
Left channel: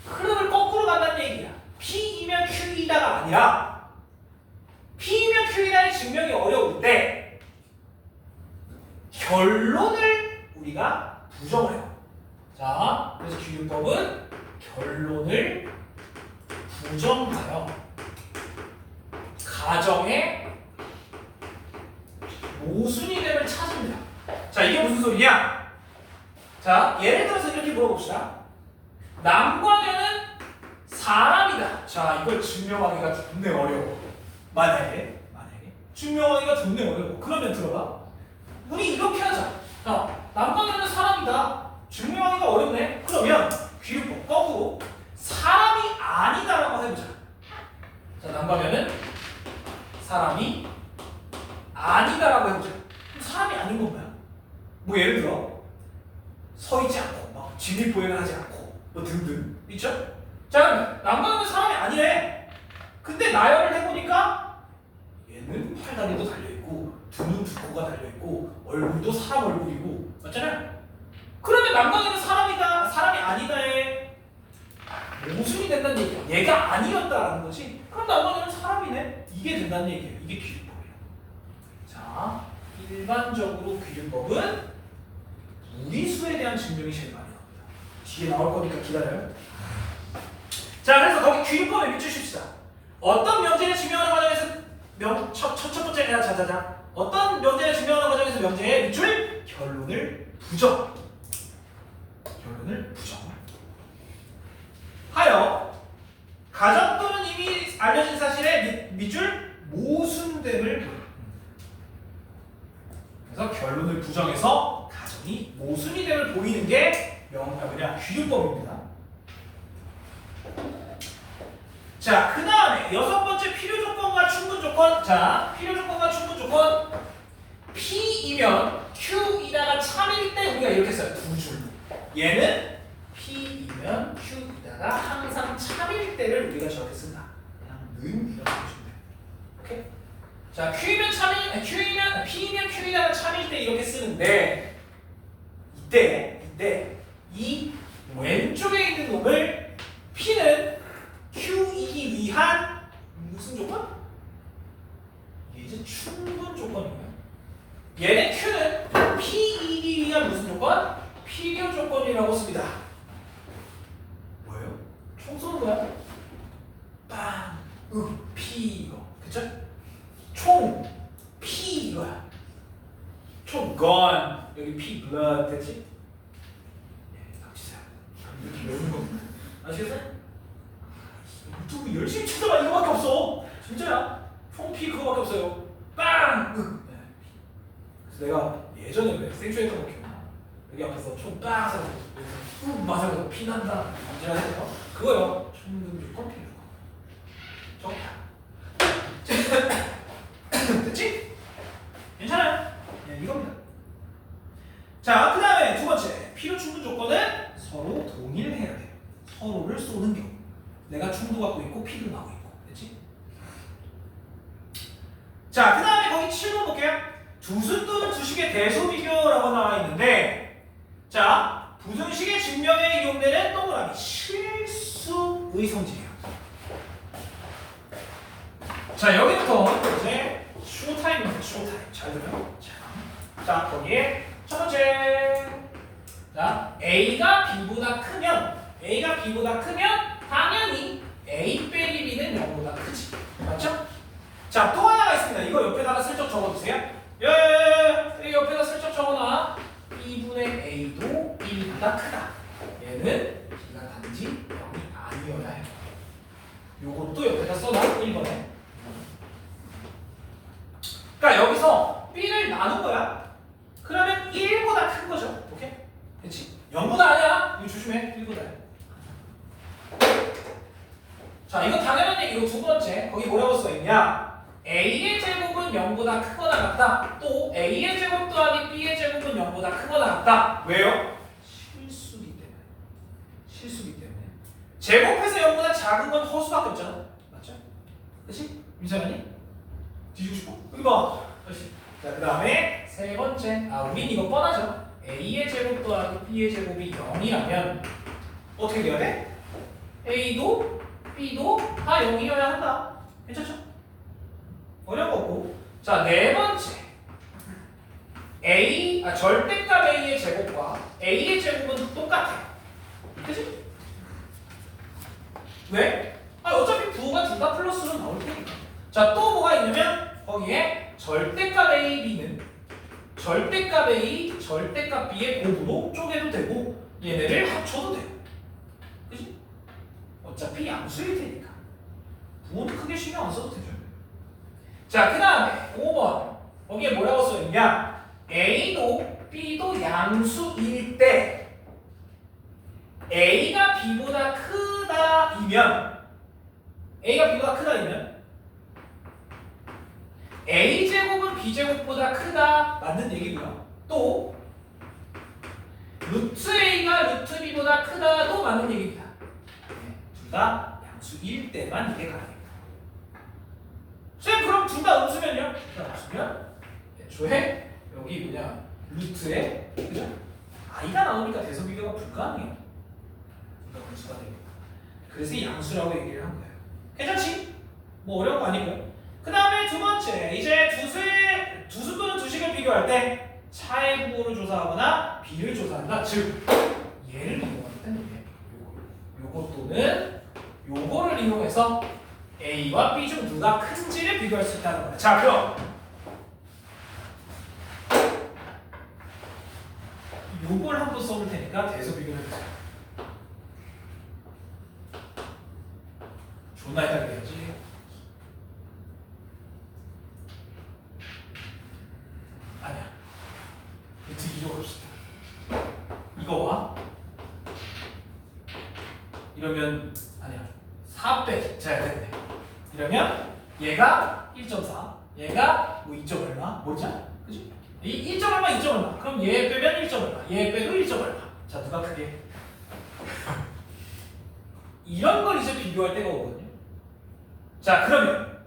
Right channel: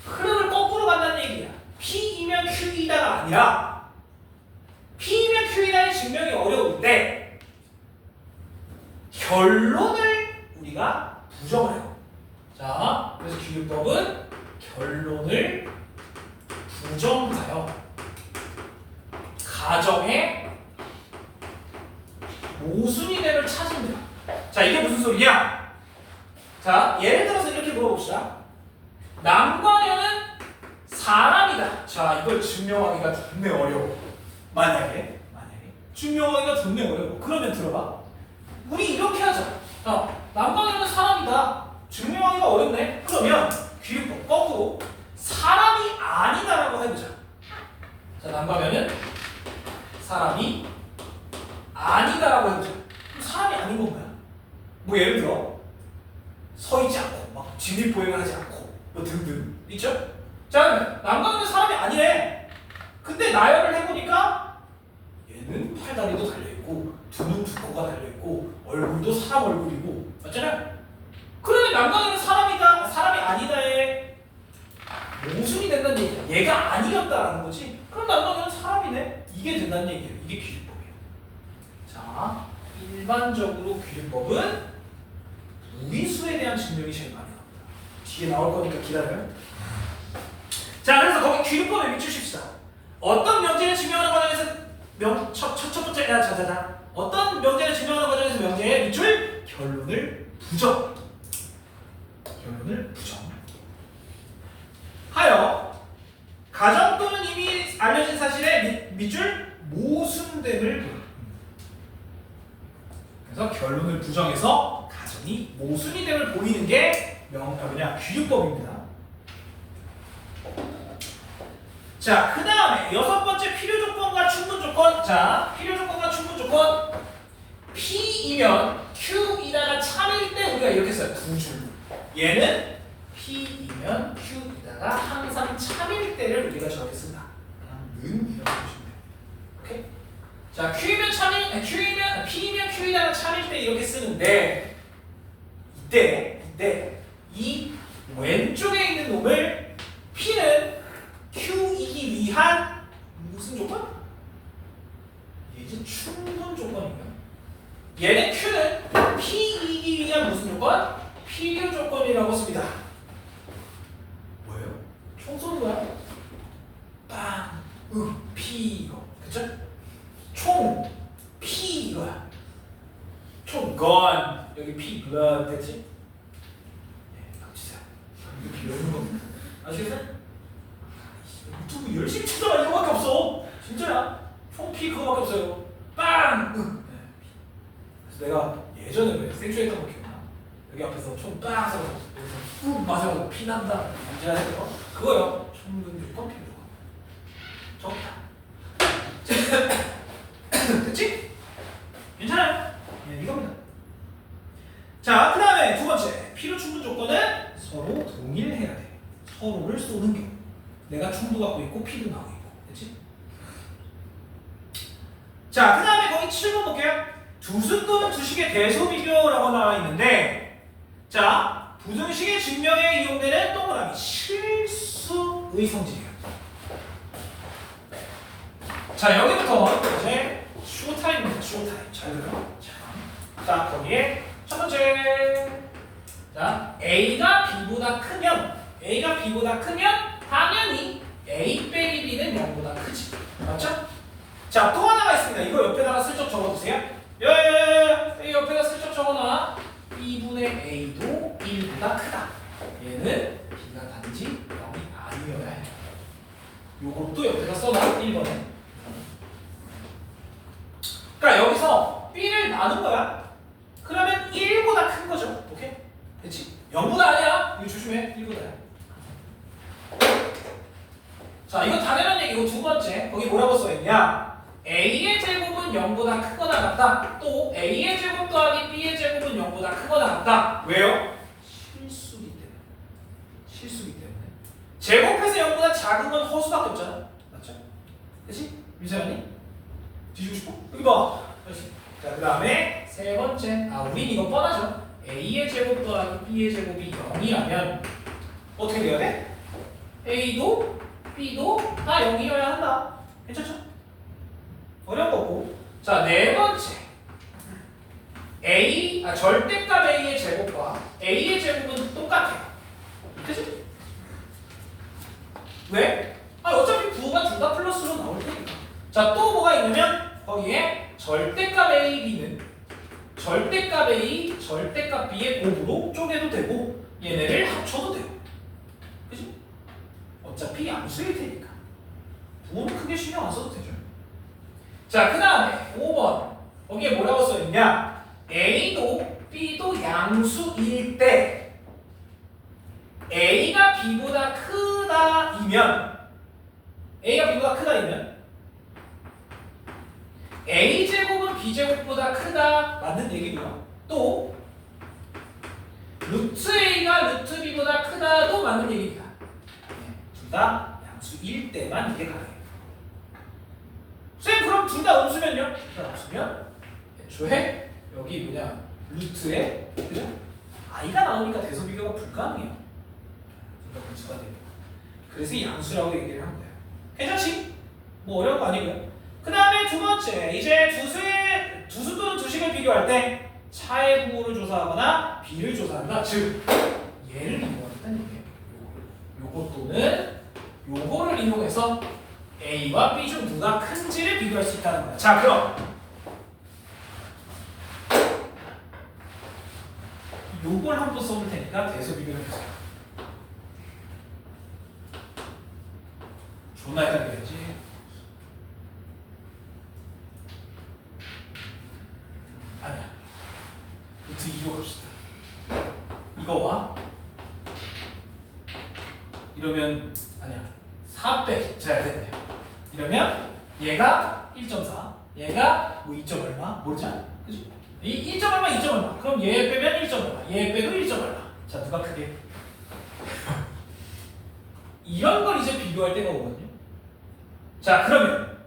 흐름을 거꾸로 간다는 얘기야. P이면 Q이다가 아니라 P이면 Q이다의 증명이 어려운데 결론을 우리가 부정을 해요. 자, 그래서 귀류법은 결론을 부정하여 가정의 모순이됨을 찾습니다. 자, 이게 무슨 소리냐? 자, 예를 들어서 이렇게 물어봅시다. 남과 여는 사람이다. 자, 이걸 증명하기가 존내 어려워. 만약에 증명하기가 존내 어려워. 그러면 들어봐. 우리 이렇게 하자. 남과 여는 사람이다. 증명하기가 어렵네. 그러면 귀류법 거꾸로 사람이 아니다라고 해보자. 자, 남과면은 사람이 아니다라고 해보자. 그럼 사람이 아닌 건 뭐야? 뭐 예를 들어 서 있지 않고 막 진입보행을 하지 않고 뭐 등등 있죠? 자, 남과는 사람이 아니래. 근데 나열을 해보니까 얘는 팔다리도 달려있고 두 눈 두 코가 달려있고 얼굴도 사람 얼굴이고 맞잖아요? 그러면 남과는 사람이다, 사람이 아니다에 모순이 된다는 얘기야. 얘가 아니었다라는 거지. 그럼 남과는 사람이네. 이게 된다는 얘기예요. 이게 귀류법이에요. 자, 일반적으로 귀류법은 무리수에 대한 증명이 제일 많이 나옵니다. 뒤에 나올 거니까 기다려요. 자, 그래서 거기 귀류법에 밑주십시다. 어떤 명제를 증명하는 과정에서 첫 번째 자자자 어떤 명제를 증명하는 과정에서 명제에 밑줄 결론을 부정. 하여 가정 또는 이미 알려진 사실에 밑줄 모순됨을 그래서 결론을 부정해서 가정이 모순이 됨을 보이는 게 귀류법입니다. 자, 그 다음에 6번째 필요 조건과 충분 조건. 자, 필요 조건과 충분 조건. P이면 Q이다가 참일 때 우리가 이렇게 써요. 두 줄. 얘는 P이면 Q이다가 항상 참일 때를 우리가 저렇게 쓴다. 그냥 는 이렇게 보시면 돼요. 오케이? 자, P이면 Q이다가 참일 때 이렇게 쓰는데 이때 이 왼쪽에 있는 놈을 P는 Q이기 위한 무슨 조건? 이제 충분 조건이에요. 얘는 Q는 P이기 위한 무슨 조건? 필요 조건이라고 씁니다. 뭐예요? 총 쏘는 거야. 빵, P 이거, 그쵸? 총, P 이거야. 총, gun 여기 P, blood 됐지? 네, 닥치세요. 이렇게 여는 거 아시겠어요? 유튜브 열심히 찾아봐. 이거밖에 없어. 진짜야. 총 P 그거밖에 없어요. 빵! 네. 그래서 내가 예전에 왜 생쇼했던 거 기억나? 여기 앞에서 총 빵! 쏴서 여기서 훅 맞아서 피 난다. 남자라 했던 거? 그거요. 총등 조건 필요. 됐지? 괜찮아요? 네, 이겁니다. 자, 그 다음에 두 번째. 필요 충분 조건은 서로 동일해야 돼. 서로를 쏘는 경우. 내가 총도 갖고 있고 피도 나오고 있고. 됐지? 자, 그 다음에 거기 7번 볼게요. 두수 또는 두식의 대소비교라고 나와 있는데 자, 부등식의 증명에 이용되는 동그라미 실수의 성질이야. 자, 여기부터 이제 쇼타임입니다. 쇼타임. 잘 들어요. 자, 거기에 첫 번째. 자, A가 B보다 크면 당연히 A 빼기 B는 0보다 크지. 맞죠? 자, 또 하나가 있습니다. 이거 옆에다가 슬쩍 적어주세요. 이 옆에다 슬쩍 적어놔. B분의 A도 1보다 크다. 얘는 B가 단지 0이 아니어야 해요. 요것도 옆에다 써놔. 1번에. 그러니까 여기서 B를 나눈 거야. 그러면 1보다 큰 거죠. 오케이? 그렇지? 0보다 아니야. 이거 조심해. 1보다야. 자, 이거 당연한 얘기고 두 번째. 거기 뭐라고 써있냐? A의 제곱은 0보다 크거나 같다. 또 A의 제곱 더하기 B의 제곱은 0보다 크거나 같다. 왜요? 실수기 때문에. 실수기 때문에. 제곱해서 0보다 작은 건 허수밖에 없잖아. 맞죠? 그렇지? 유자연이? 뒤지고 싶어? 여기 봐. 그렇지. 자, 그 다음에 세 번째. 우린 이거 뻔하죠. A의 제곱 더하기 B의 제곱이 0이라면 어떻게 돼야 돼? A도 B도 다 0이어야 한다. 괜찮죠? 어려운 거 없고. 자, 네 번째. 절대값 A의 제곱과 A의 제곱은 똑같아요. 그치? 왜? 어차피 부호가 둘 다 플러스로 나올 테니까. 자, 또 뭐가 있냐면 거기에 절대값 A, B는 절대값 A, 절대값 B의 곱으로 쪼개도 되고 얘네를 합쳐도 돼요. 그치? 어차피 양수일 테니까. 부호는 크게 신경 안 써도 되죠. 자, 그 다음에 5번. 거기에 뭐라고 써있냐? A도 B도 양수일 때 A가 B보다 크다이면 A제곱은 B제곱보다 크다 맞는 얘기고요. 또 루트 A가 루트 B보다 크다도 맞는 얘기입니다. 둘 다 양수일 때만 이게 가능해요. 쌤, 그럼 둘 다 음수면요? 둘 다 음수면 애초에 여기 뭐냐 루트에 그죠? i가 나오니까 대소 비교가 불가능해요. 둘 다 음수가 돼요. 그래서 양수라고 얘기를 한 거예요. 괜찮지? 뭐 어려운 거 아니고요. 그 다음에 두 번째, 이제 두수 또는 두식을 비교할 때 차의 부호를 조사하거나 비를 조사한다. 즉 얘를 이용하겠다는 얘기예요. 요거 또는 요거를 이용해서 A와 B 중 누가 큰지를 비교할 수 있다는 거다. 자, 그럼 요걸 한번 써볼 테니까 대소 비교해보세요. 존나 헷갈려야지. 아니야. 루트 2로 갑시다. 이거와 이러면 아니야. 4 빼기. 자, 됐네. 이러면 얘가 1.4, 얘가 뭐 2점 얼마? 모르잖아. 그지? 이 1점 얼마, 2점 얼마. 그럼 얘 빼면 1점 얼마, 얘 빼도 1점 얼마. 자, 누가 크게? 이런 걸 이제 비교할 때가 오거든요. 자, 그러면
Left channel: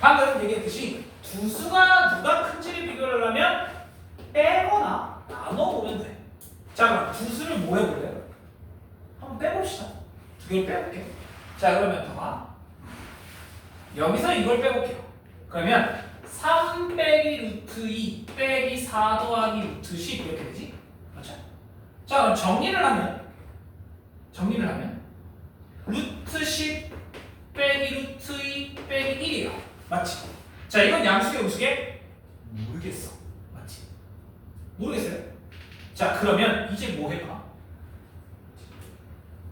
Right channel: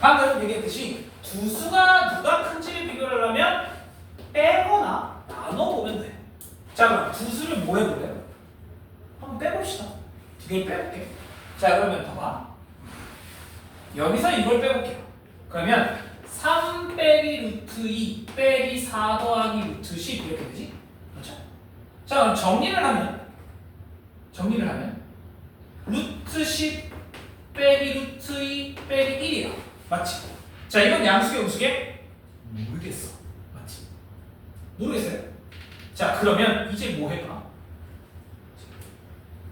방금 얘기했듯이 두 수가 누가 큰지를 비교를 하려면 빼거나 나눠보면 돼. 자, 그럼 두 수를 뭐 해볼래요? 한번 빼봅시다. 두 개를 빼볼게. 자, 그러면 봐봐. 여기서 이걸 빼볼게요. 그러면 3 빼기 루트 2 빼기 4 더하기 루트 10 이렇게 되지? 그렇죠? 자, 그럼 정리를 하면 루트 10 빼기 루트 2 빼기 1이에요. 맞지? 자, 이건 양수계 음수계? 모르겠어. 맞지? 모르겠어요? 자, 그러면 이제 뭐 해봐?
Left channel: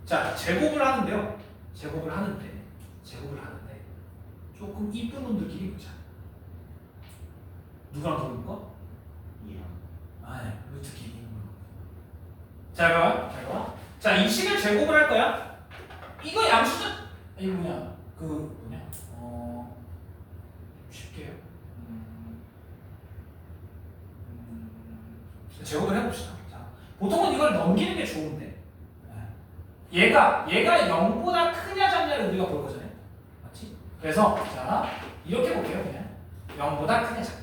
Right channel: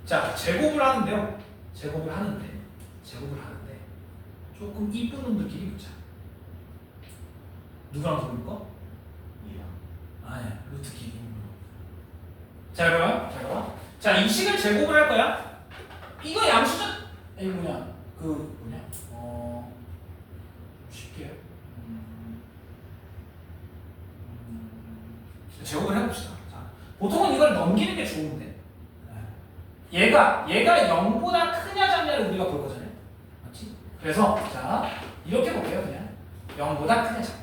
자, 제곱을 하는데 조금 이쁜 놈들끼리 붙자. 누구랑 들어볼까? 아니야, 루트 길이. 자, 그럼 자, 이 식을 제곱을 할 거야. 이거 양수는 아니 쉽게 해요. 제곱을 해봅시다. 자, 보통은 이걸 넘기는 게 좋은데 얘가 0보다 크냐 작냐를 우리가 볼 거잖아요. 맞지? 그래서 자, 이렇게 볼게요. 그냥 0보다 크냐 작냐.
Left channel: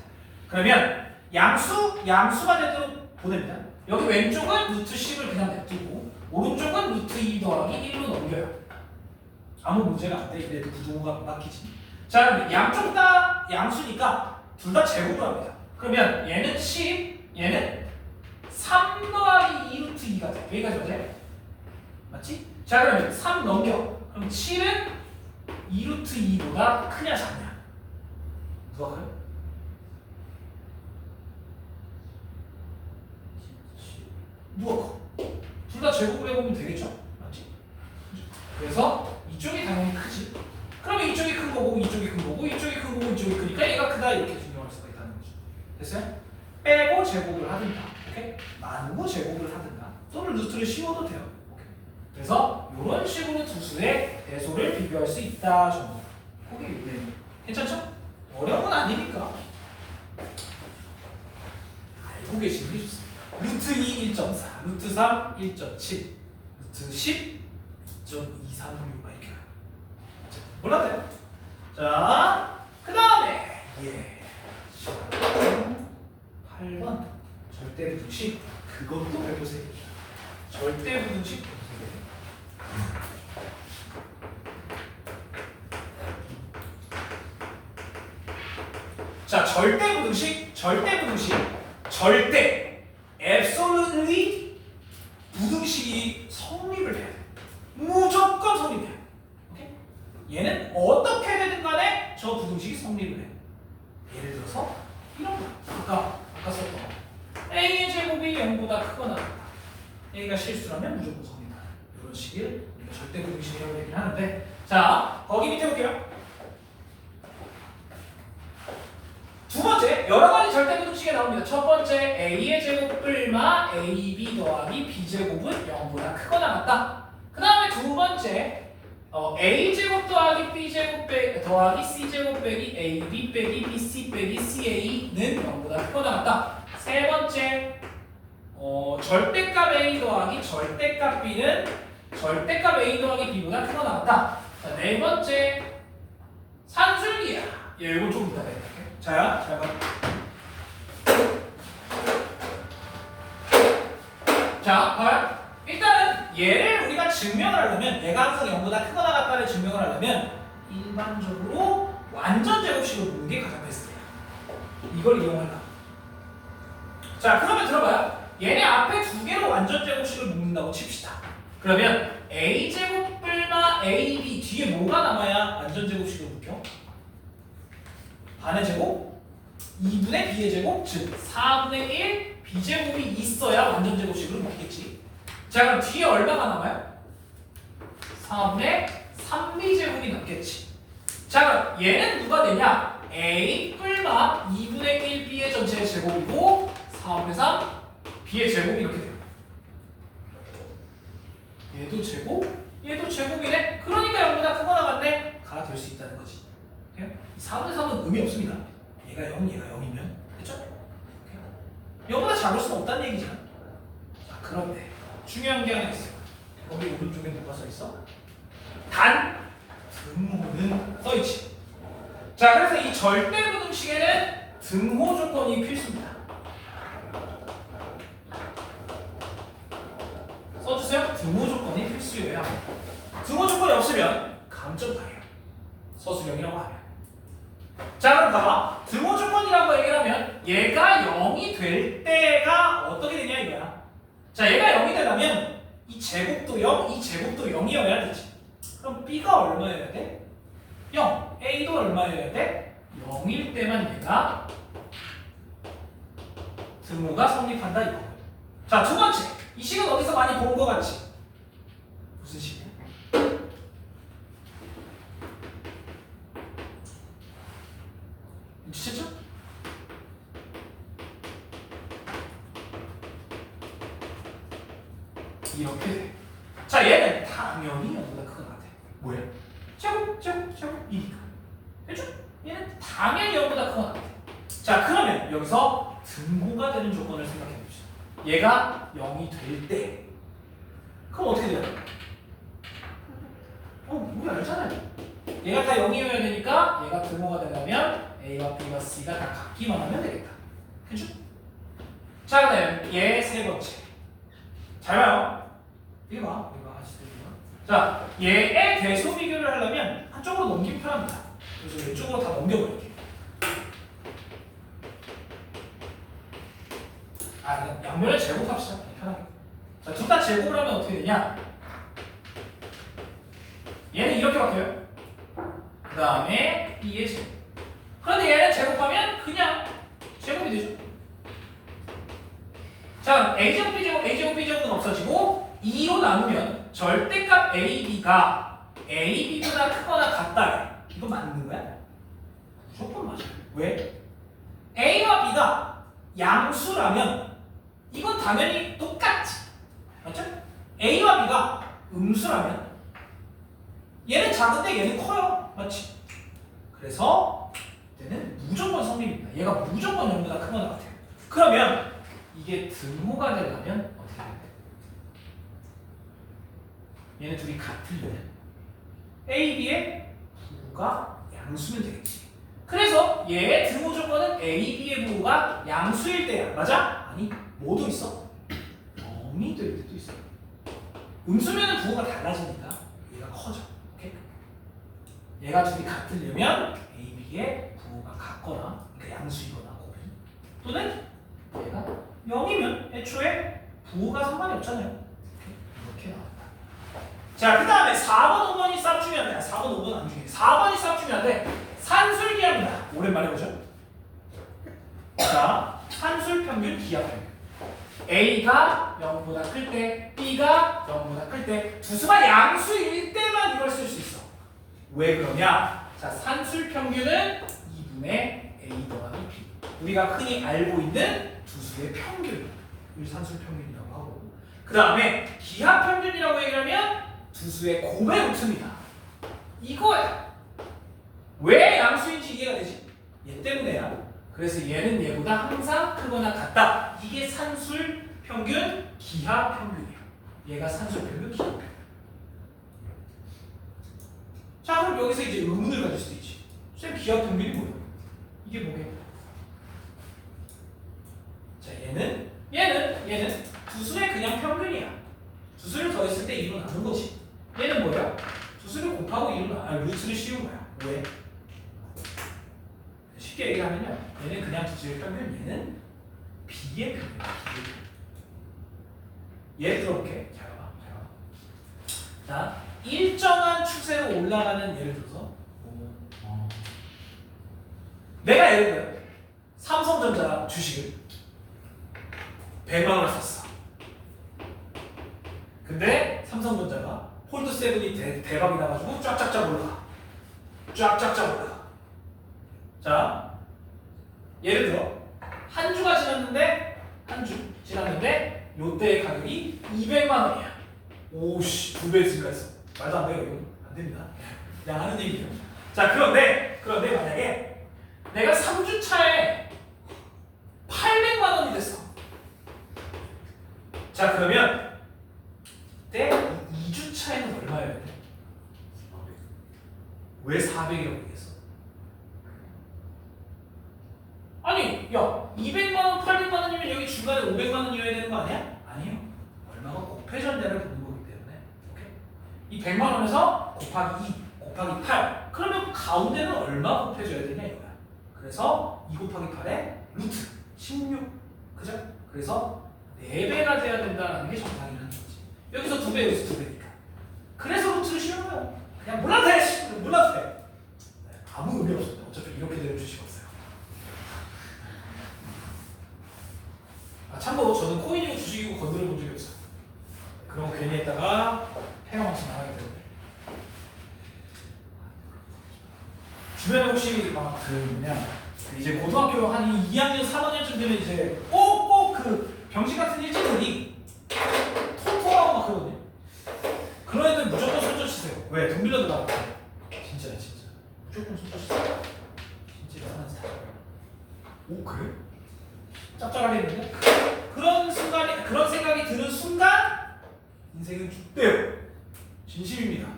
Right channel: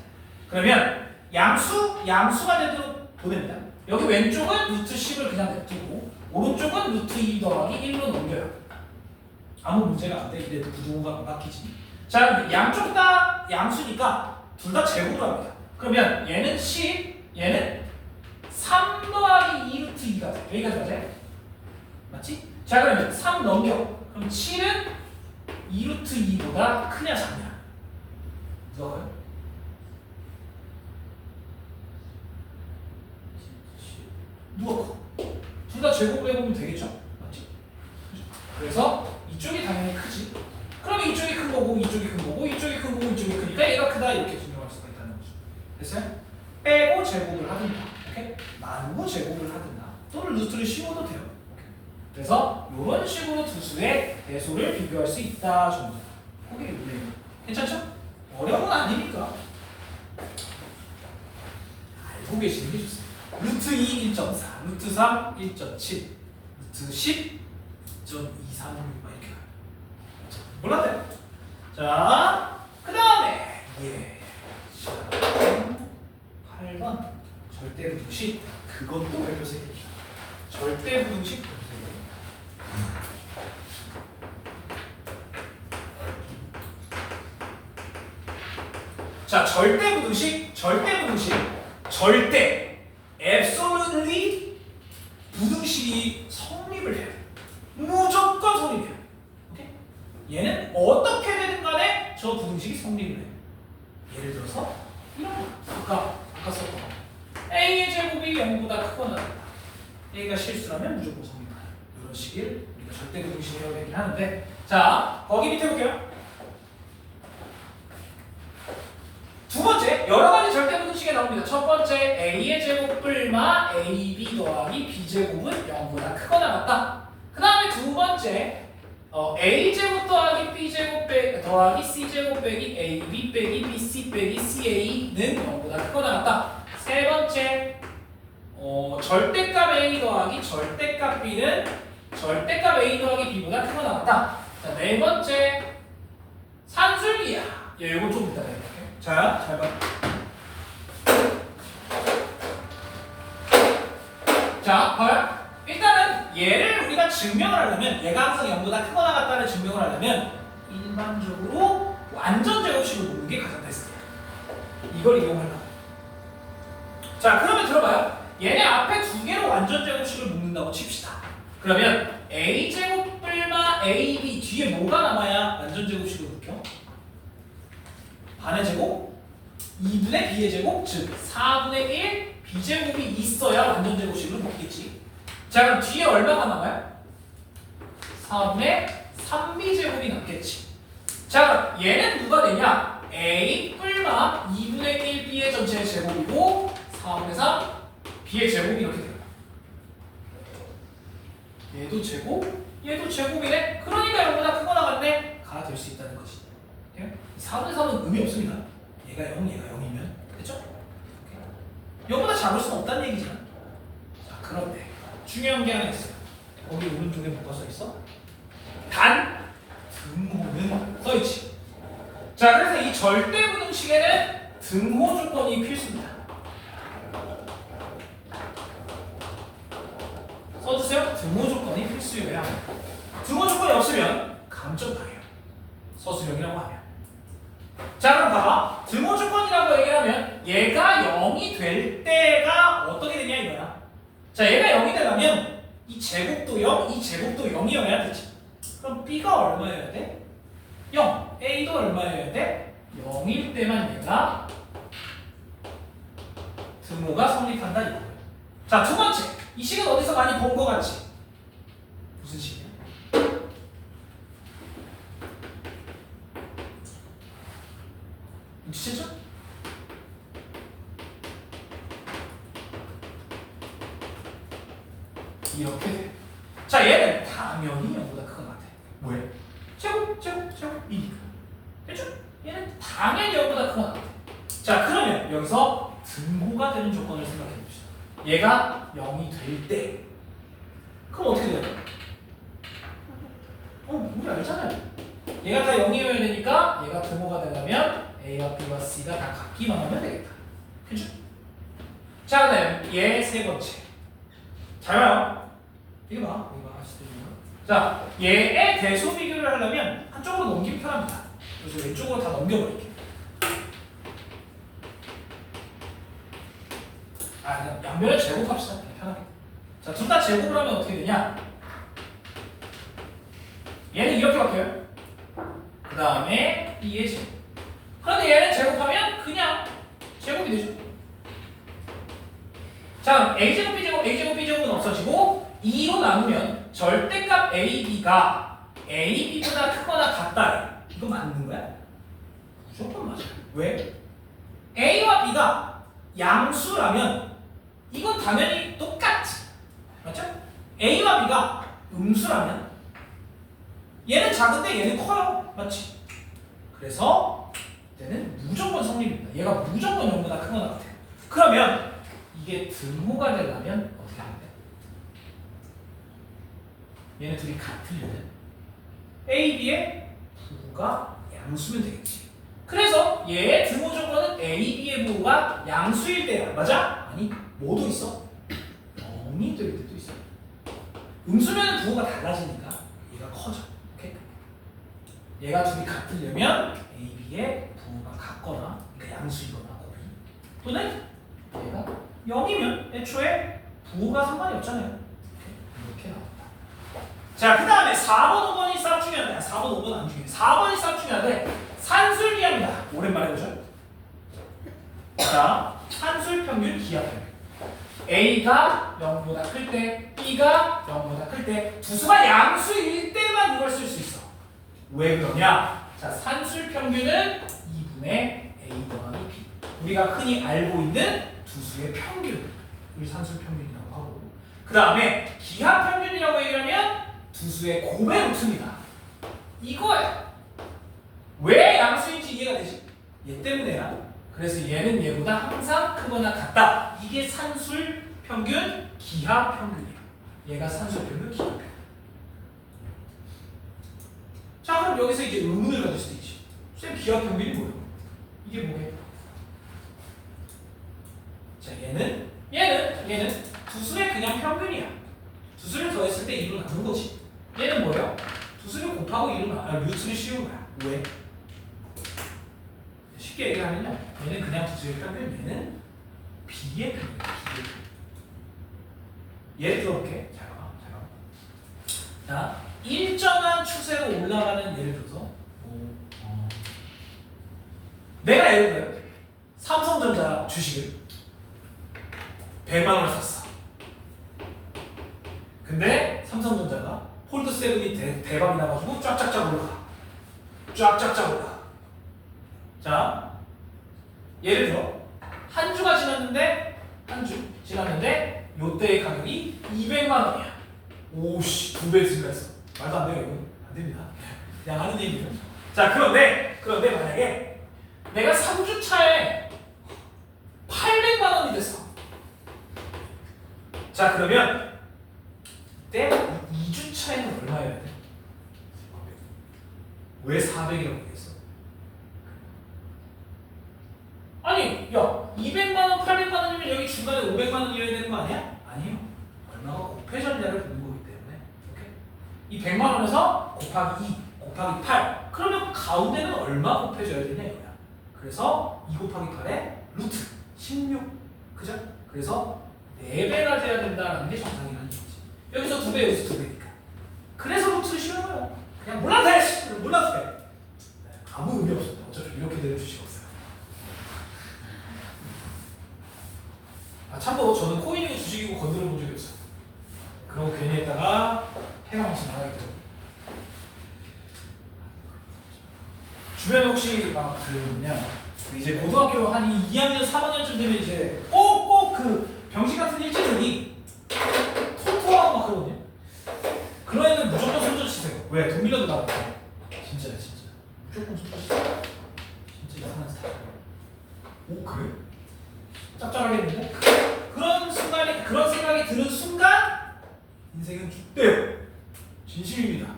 그러면 양수가 되도록 보냅니다. 여기 왼쪽은 루트 10을 그냥 냅두고 오른쪽은 루트 2 더하기 1로 넘겨요. 아무 문제가 안 돼. 이래도 부등호가 안 바뀌지. 자, 양쪽 다 양수니까 둘 다 제곱을 합니다. 그러면 얘는 10, 얘는 3 더하기 2 루트 2가 돼. 여기까지 맞아요? 맞지? 자, 그러면 3 넘겨. 그럼 7은 2 루트 2보다 크냐 작냐? 누가 가요? 누가 커? 둘 다 제곱을 해보면 되겠죠? 맞지? 그래서 이쪽이 당연히 크지. 그러면 이쪽이 큰 거고 이쪽이 큰 거고 이쪽이 큰 거고 이쪽이 크니까 얘가 크다 이렇게 증명할 수가 있다는 거죠. 됐어요? 빼고 제곱을 하든가, 오케이? 나누고 제곱을 하든가, 또는 루트를 씌워도 돼요. 오케이? 그래서 이런 식으로 두 수의 대소를 비교할 수 있다 정도. 오케이, 네. 괜찮죠? 어려운 건 아니니까 알고 계시는 게 좋습니다. 루트 2 1.4, 루트 3 1.7, 루트 10 2.236 이렇게 가요. 몰랐대요. 자, 그 다음에 8번 절대부등식. 그것도 발표세입니다. 절대부등식 발표세. 자, 절대부등식, 절대 absolutely 부등식이 성립을 해야 돼. 무조건 성립해야 돼. 오케이? 얘는 어떻게 되든 간에 저 부등식이 성립을 해. 예를 들어서 이런 거. 아까 썼던 거. A의 제곱이 0보다 크거나 같다. A가 실수라면 무조건 성립하는 이런 식을 우리가 절대 부등식이라고 얘기를 하는데, 자, 거기 밑에 볼게요. 두 번째, 여러 가지 절대 부등식이 나옵니다. 첫 번째, A의 제곱 뿔마 AB 더하기 B제곱은 0보다 크거나 같다. 그 다음에 두 번째, A제곱 더하기 B제곱 더하기 C제곱 빼기 AB 빼기 BC 빼기 CA는 0보다 크거나 같다. 세 번째, 절대값 A 더하기 절대값 B는 절대값 A 더하기 B보다 크거나 같다. 자, 네 번째, 산술기야. 예, 이거 좀 이따가 해볼게요. 자, 잘 봐. 자, 봐요. 일단은 얘를 우리가 증명을 하려면, 얘가 항상 0보다 크거나 같다를 증명을 하려면 일반적으로 완전 제곱식을 놓는 게 가장 베스트예요. 이걸 이용하려면. 자, 그러면 들어봐요. 얘네 앞에 두 개로 완전 제곱식을 묶는다고 칩시다. 그러면 A제곱 뿔마 AB 뒤에 뭐가 남아야 완전 제곱식을 묶여? 반의 제곱, 2분의 b의 제곱, 즉 4분의 1 b제곱이 있어야 완전 제곱식으로 묶이겠지. 자, 그럼 뒤에 얼마가 남아요? 4분의 3b제곱이 남겠지. 자, 그럼 얘는 누가 되냐? a 뿔마 2분의 1 b의 전체 제곱이고 4분의 3 b의 제곱이 이렇게 돼요. 얘도 제곱, 얘도 제곱이네. 그러니까 0보다 크거나 같네. 가 될 수 있다는 거지. 4분의 3은 의미 없습니다. 얘가 0, 얘가 0이면. 됐죠? 0보다 작을 수는 없다는 얘기잖아. 자, 그런데 중요한 게 하나 있어요. 거기 오른쪽에 뭐가 써있어? 단 등호는 써있지. 자, 그래서 이 절대부등식에는 등호 조건이 필수입니다. 써주세요. 등호 조건이 필수여야. 등호 조건이 없으면 감점당해요. 서술형이라고 하면. 자, 그럼 봐봐. 등호 조건이라고 얘기를 하면 얘가 0이 될 때가 어떻게 되냐 이거야. 자, 얘가 0이 되려면 이 제곱도 0, 이 제곱도 0이어야 되지. 그럼 B가 얼마여야 돼? 0. A도 얼마여야 돼? 0일 때만 얘가 등호가 성립한다 이거예요. 자, 두 번째. 이 식은 어디서 많이 본 거 같지? 무슨 식이야? 눈치챘죠? 이렇게 돼. 자, 얘는 당연히 0보다 크거나 같아. 뭐야? 제곱, 이니까. 됐죠? 얘는 당연히 0보다 크거나 같아. 자, 그러면 여기서 등호가 되는 조건을 생각해 봅시다. 얘가 0이 될 때. 그럼 어떻게 돼요? 우리 알잖아요. 얘가 다 0이어야 되니까 얘가 등호가 되려면 A와 B와 C가 다 같기만 하면 되겠다. 그죠? 자, 그 다음 얘 세 번째. 잘 봐요. 이거 봐. 이거 아시죠? 자, 얘의 대소 비교를 하려면 한쪽으로 넘기면 편합니다. 그래서 왼쪽으로 다 넘겨버릴게. 그냥 양면을 제곱합시다. 편하게. 자, 둘 다 제곱을 하면 어떻게 되냐? 얘는 이렇게 바뀌어요. 그 다음에 B의 제곱. 그런데 얘는 제곱하면 그냥 제곱이 되죠. 자, A제곱, B제곱, A제곱, B제곱은 없어지고 2로 나누면 절대값 AB가 AB보다 크거나 같다. 이거 맞는 거야? 무조건 맞아요. 왜? A와 B가 양수라면 이건 당연히 똑같지. 맞죠? A와 B가 음수라면 얘는 작은데 얘는 커요. 맞지? 그래서 얘는 무조건 성립입니다. 얘가 무조건 0보다 크거나 같아요. 그러면 이게 등호가 되려면 어떻게 해야 돼? 얘네 둘이 같으려면 A, B의 부호가 양수면 되겠지. 그래서 얘의 등호 조건은 A, B의 부호가 양수일 때야. 맞아? 아니, 뭐도 있어? 0이 될 때도 있어. 음수면은 부호가 달라지니까 얘가 커져. 오케이? 얘가 둘이 같으려면 A, B의 부호가 같거나, 그러니까 양수이거나 곱이, 또는 얘가 0이면 애초에 부호가 상관이 없잖아요. 이렇게 나왔다. 자, 그 다음에 4번, 5번이 싹중요한데 4번, 5번 안 중요해. 4번이 싹중요한데 산술기하입니다. 오랜만에 보죠. 자, 산술평균, 기하평균. A가 0보다 클 때, B가 0보다 클 때, 두 수가 양수일 때만 이걸 쓸 수 있어. 왜 그러냐? 자, 산술평균은 2분의 A 더하기 B. 우리가 흔히 알고 있는 두 수의 평균을 산술평균이라고 하고, 그 다음에 기하평균이라고 얘기하면 두 수의 곱의 루트입니다. 이거야. 왜 양수인지 이해가 되지? 얘 때문에야. 그래서 얘는 얘보다 항상 크거나 같다. 이게 산술평균, 기하평균이야. 얘가 산술평균, 기하평균. 자, 그럼 여기서 이제 의문을 가질 수도 있지. 선생님, 기하평균이 뭐야? 이게 뭐게? 자, 얘는 두 수의 그냥 평균이야. 두 수를 더했을 때 2로 나눈 거지. 얘는 뭐예요? 두 수를 곱하고 2로 루트를 씌운 거야. 왜? 쉽게 얘기하면 얘는 그냥 두 수의 평균, 얘는 B의 평균이야. 예를 들어볼게. 잘 봐. 자, 일정한 추세로 올라가는 예를 들어서 내가 예를 들어 삼성전자 주식을 100만 원을 샀어. 근데 삼성전자가 홀드 세븐이 대박이 나가지고 쫙쫙쫙 올라가. 쫙쫙쫙 올라가. 자, 예를 들어 한 주가 지났는데 요때의 가격이 200만 원이야. 오씨, 2배 증가했어. 말도 안 돼요, 이건. 안 됩니다. 그냥 하는 얘기죠. 자, 그런데 만약에 내가 3주 차에 800만 원이 됐어. 자, 그러면 때 2주 차에는 얼마여야 돼? 왜 400이라고 얘기했어? 아니, 야, 200만 원, 800만 원이면 여기 중간에 500만 원이어야 되는 거 아니야? 아니요. 얼마가 곱해졌냐를 보는 거기 때문에. 오케이? 이 100만 원에서 곱하기 2, 곱하기 8. 그러면 가운데는 얼마 곱해져야 되냐 이거야. 그래서 2 곱하기 8에 루트 16. 그죠? 그래서 4배가 돼야 된다는 게 정상이라는 거지. 여기서 2배, 여기서 2배니까. 그래서 루트를 씌우는 거야. 그냥 몰라도 돼! 몰라도 돼. 아무 의미 없어. 어차피 이렇게 되는 주식 없어요. 참고로 저는 코인이고 주식이고 건드려 본 적이 없어요. 그런 거 괜히 했다가 해방치 나가기 때문에. 주변에 혹시 막 이제 고등학교 한 2학년, 3학년쯤 되면 이제 꼭 그 병신 같은 일진들이 통통하고 막 그러거든요. 그런 애들 무조건 손절 치세요. 왜? 돈 빌려도 나가고. 진짜. 무조건 손절 치세요. 진짜 이상한 스타일. 오, 그래? 짭짤하겠는데? 그런 생각이 드는 순간 인생은 죽대요. 진심입니다.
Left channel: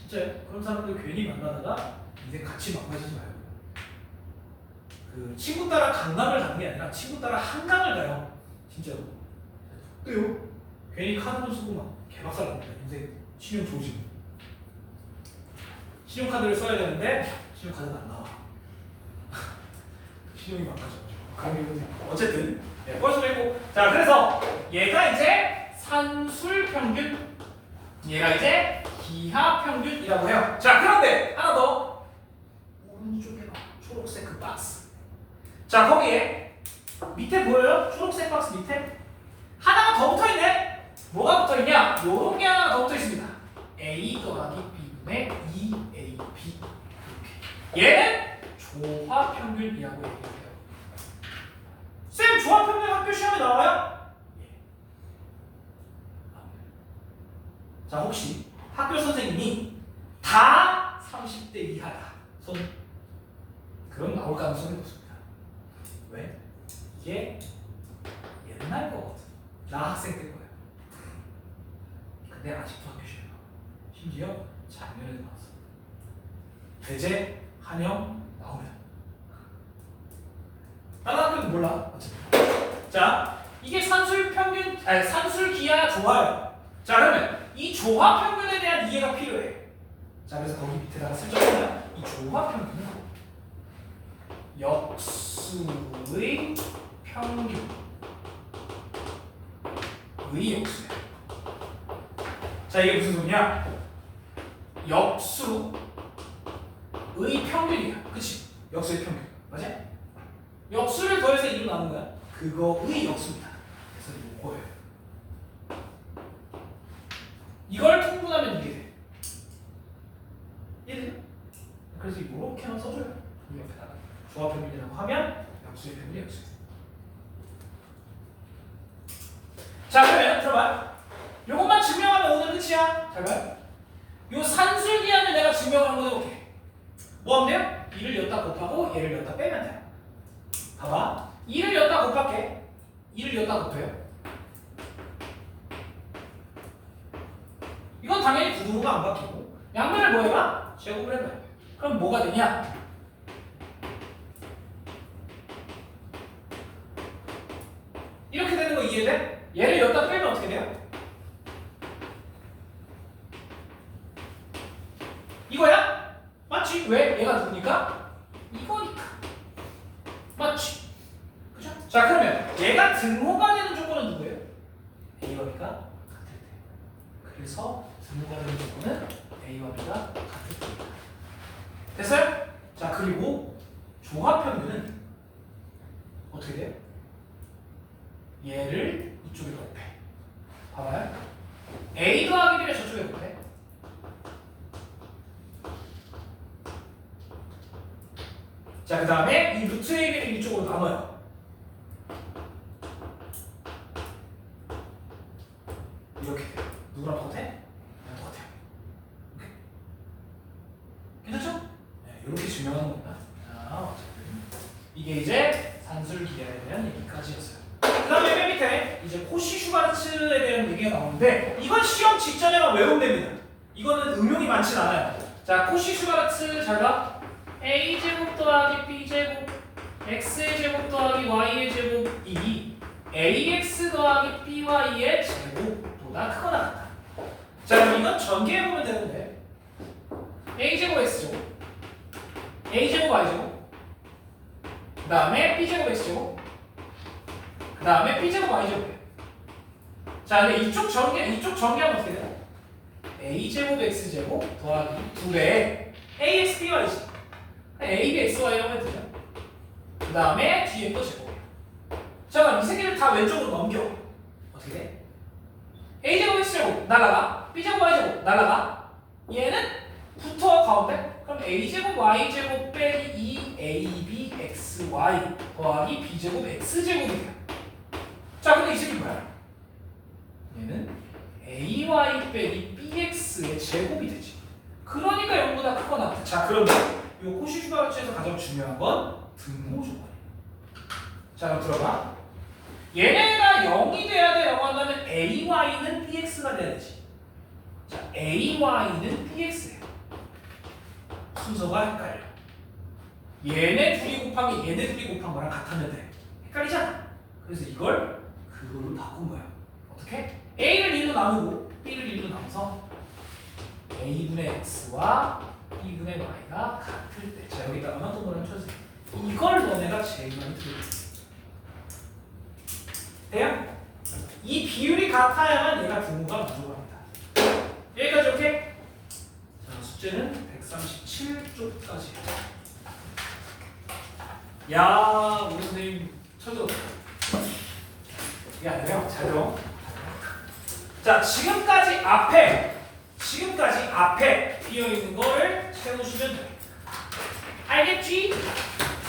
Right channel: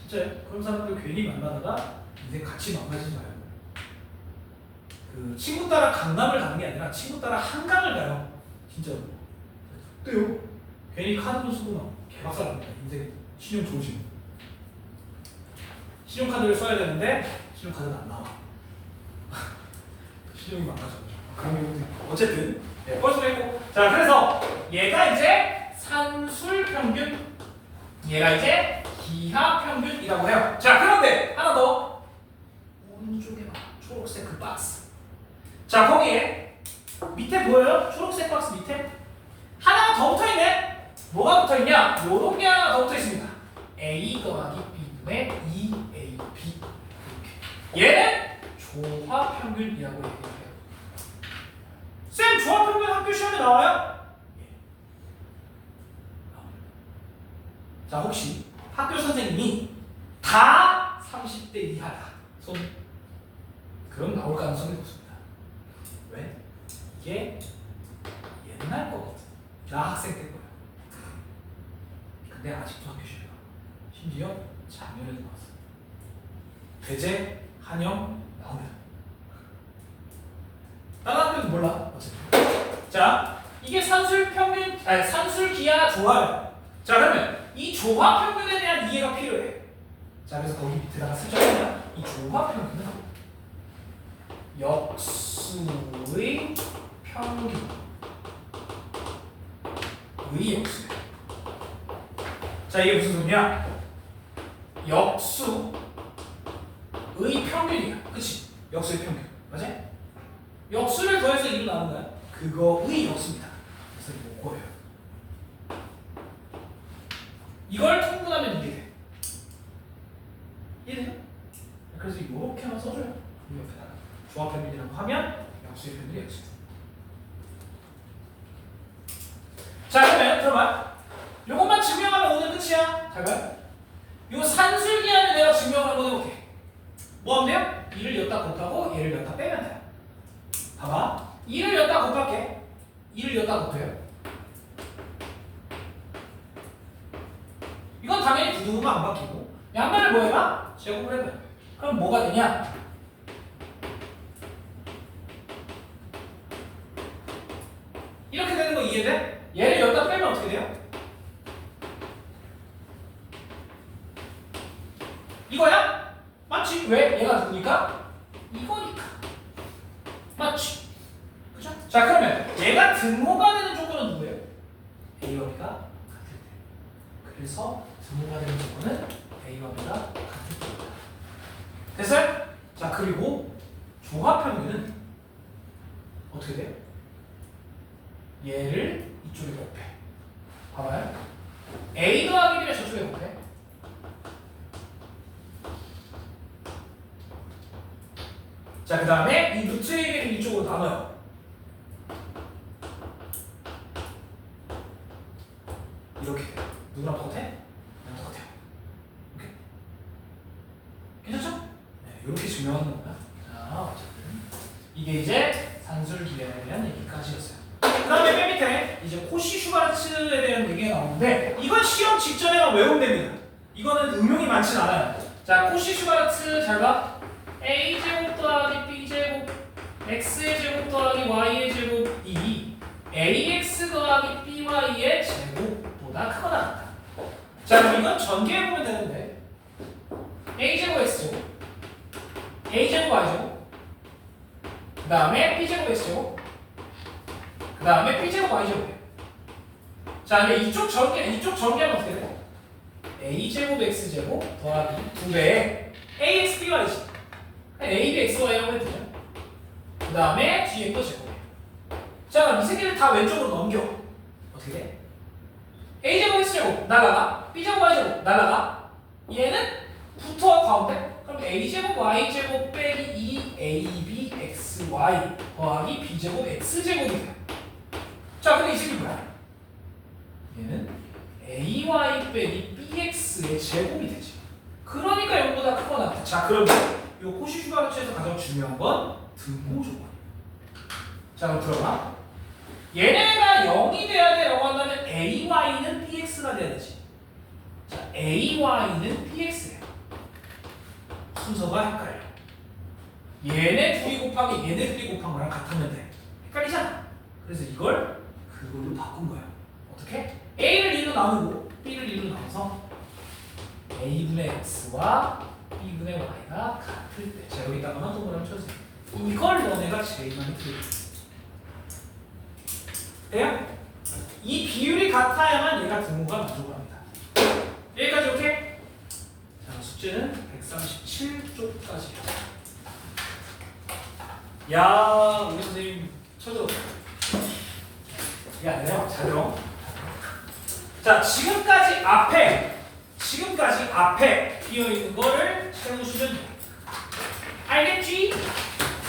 진짜요? 그런 사람들 괜히 만나다가 인생 같이 망가지지 말고. 그 친구 따라 강남을 가는 게 아니라 친구 따라 한강을 가요. 진짜로. 죽대요. 괜히 카드도 쓰고 막 개박살 납니다. 인생 신용 조심. 신용카드를 써야 되는데 신용카드가 안 나와. 신용이 망가져가지고. 그러면 어쨌든 네, 뻘수가 있고. 자, 그래서 얘가 이제 산술평균, 얘가 이제 기하평균이라고 해요. 자, 그런데 하나 더. 오른쪽에 봐. 초록색 그 박스. 자, 거기에 밑에 보여요? 초록색 박스 밑에 하나가 더 붙어있네. 뭐가 붙어있냐? 요런 게 하나가 더 붙어있습니다. A 더하기 B분의 2AB. 이렇게. 얘는 조화평균이라고 얘기해요. 쌤, 조합평균 학교 시험에 나와요? 예. 자, 혹시 학교 선생님이 다 30대 이하다. 손. 그럼 나올 가능성이 높습니다. 왜? 이게 옛날 거거든. 나 학생 때 거야. 근데 아직도 학교 시험에 나와. 심지어 작년에도 나왔어. 대제, 한영 나오면. 다른 학교는 몰라. 어쨌든. 자, 이게 산술평균, 아니 산술기하 조합. 자, 그러면 이 조합평균에 대한 이해가 필요해. 자, 그래서 거기 밑에다가 슬쩍 보면 이 조합평균은 역수의 평균. 의 역수야. 자, 이게 무슨 소리냐? 역수의 평균이야. 그치? 역수의 평균. 맞아? 역수를 더해서 2로 나눈 거야. 그거의 역수입니다. 그래서 이거예요. 이걸 통분하면 이게 돼. 이해돼요? 그래서 이렇게만 써줘요. 이 옆에다가 조합평균이라고 하면 역수의 평균이 역수. 자, 그러면 들어봐. 요것만 증명하면 오늘 끝이야. 잘 봐요. 요 산술기하면 내가 증명을 한번 해볼게. 뭐 하면 돼요? 2를 여기다 곱하고 얘를 여기다 빼면 돼. 봐봐. 2를 여기다 곱할게. 2를 여기다 곱해요. 이건 당연히 구두가 안 바뀌고 양변을 뭐 해봐? 제곱을 해봐. 그럼 뭐가 되냐? 이렇게 되는 거 이해돼? 얘를 여기다 빼면 어떻게 돼요? 이거야? 맞지? 왜? 얘가 누구니까? 이거니까. 맞지? 그죠? 자, 그러면 얘가 등호가 되는 조건은 누구예요? A와 B가 같을 때. 그래서 등호가 되는 조건은 A와 B가 같을 때입니다. 됐어요? 자, 그리고 조합평균은 어떻게 돼요? 얘를 이쪽에 곱해. 봐봐요. A 더하기 B를 저쪽에 곱해. 자, 그 다음에 이 루트 A를 이쪽으로 나눠요. 이렇게 돼요. 누구랑 똑같아? 나랑 똑같아요. 오케이. 괜찮죠? 네, 이렇게 증명하는 겁니다. 자, 어쨌든 이게 이제 산술기하에 대한 얘기까지였어요. 그 다음에 맨 밑에 이제 코시-슈바르츠에 대한 얘기가 나오는데 이건 시험 직전에만 외우면 됩니다. 이거는 응용이 많진 않아요. 자, 코시-슈바르츠 잘 봐. a제곱 더하기 b제곱 x의 제곱 더하기 y의 제곱이 ax 더하기 by의 제곱보다 크거나 같다. 자, 그럼 이건 전개해보면 되는데 a제곱 x제곱 a제곱 y제곱 그 다음에 b제곱 x제곱 그 다음에 b제곱 y제곱. 자, 근데 이쪽 전개하면 어떻게 돼요? a제곱 x제곱 더하기 2배의 ax by지. a, b, x, y라고 해도 되죠. 그 다음에 뒤에 또 제곱이에요. 자, 그럼 이 새끼를 다 왼쪽으로 넘겨. 어떻게 돼? a제곱 x제곱 날아가. b제곱 y제곱 날아가. 얘는 붙어 가운데. 그럼 a제곱 y제곱 빼기 2ab xy 더하기 b제곱 x제곱이 돼. 자, 근데 이 새끼 뭐야? 얘는 ay 빼기 bx의 제곱이 되지. 그러니까 0보다 크거나 같아. 자, 그러면 이 코시-슈바르츠에서 가장 중요한 건 등호 조건이에요. 자, 그럼 들어봐. 얘네가 0이 돼야 되라고 한다면 ay는 bx가 돼야 되지. 자, ay는 bx예요. 순서가 헷갈려. 얘네 둘이 곱하기 얘네 둘이 곱한 거랑 같으면 돼. 헷갈리잖아. 그래서 이걸 그걸로 바꾼 거예요. 어떻게? a를 1로 나누고 b를 1로 나눠서 a분의 x와 b분의 y가 같을 때. 자, 여기다가만 동그라미 쳐주세요. 이걸 너네가 제일 많이 들을 거야. 돼요? 이 비율이 같아야만 얘가 분모가 만족합니다. 여기까지 오케이? 자, 숙제는 137쪽까지. 야, 우리 선생님 쳐줘. 이게 아니래요. 잘 들어. 자, 지금까지 앞에 비어 있는 거를 채우시면 돼. 알겠지?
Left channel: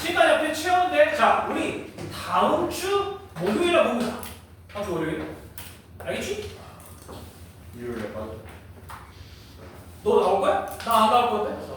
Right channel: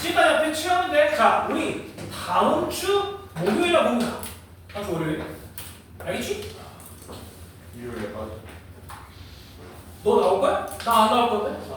지금까지 앞에 채우면 돼. 자, 우리 다음 주 목요일에 봅니다. 다음 주 월요일. 알겠지? 일요일에 빠져. 너 나올 거야? 나 안 나올 건데?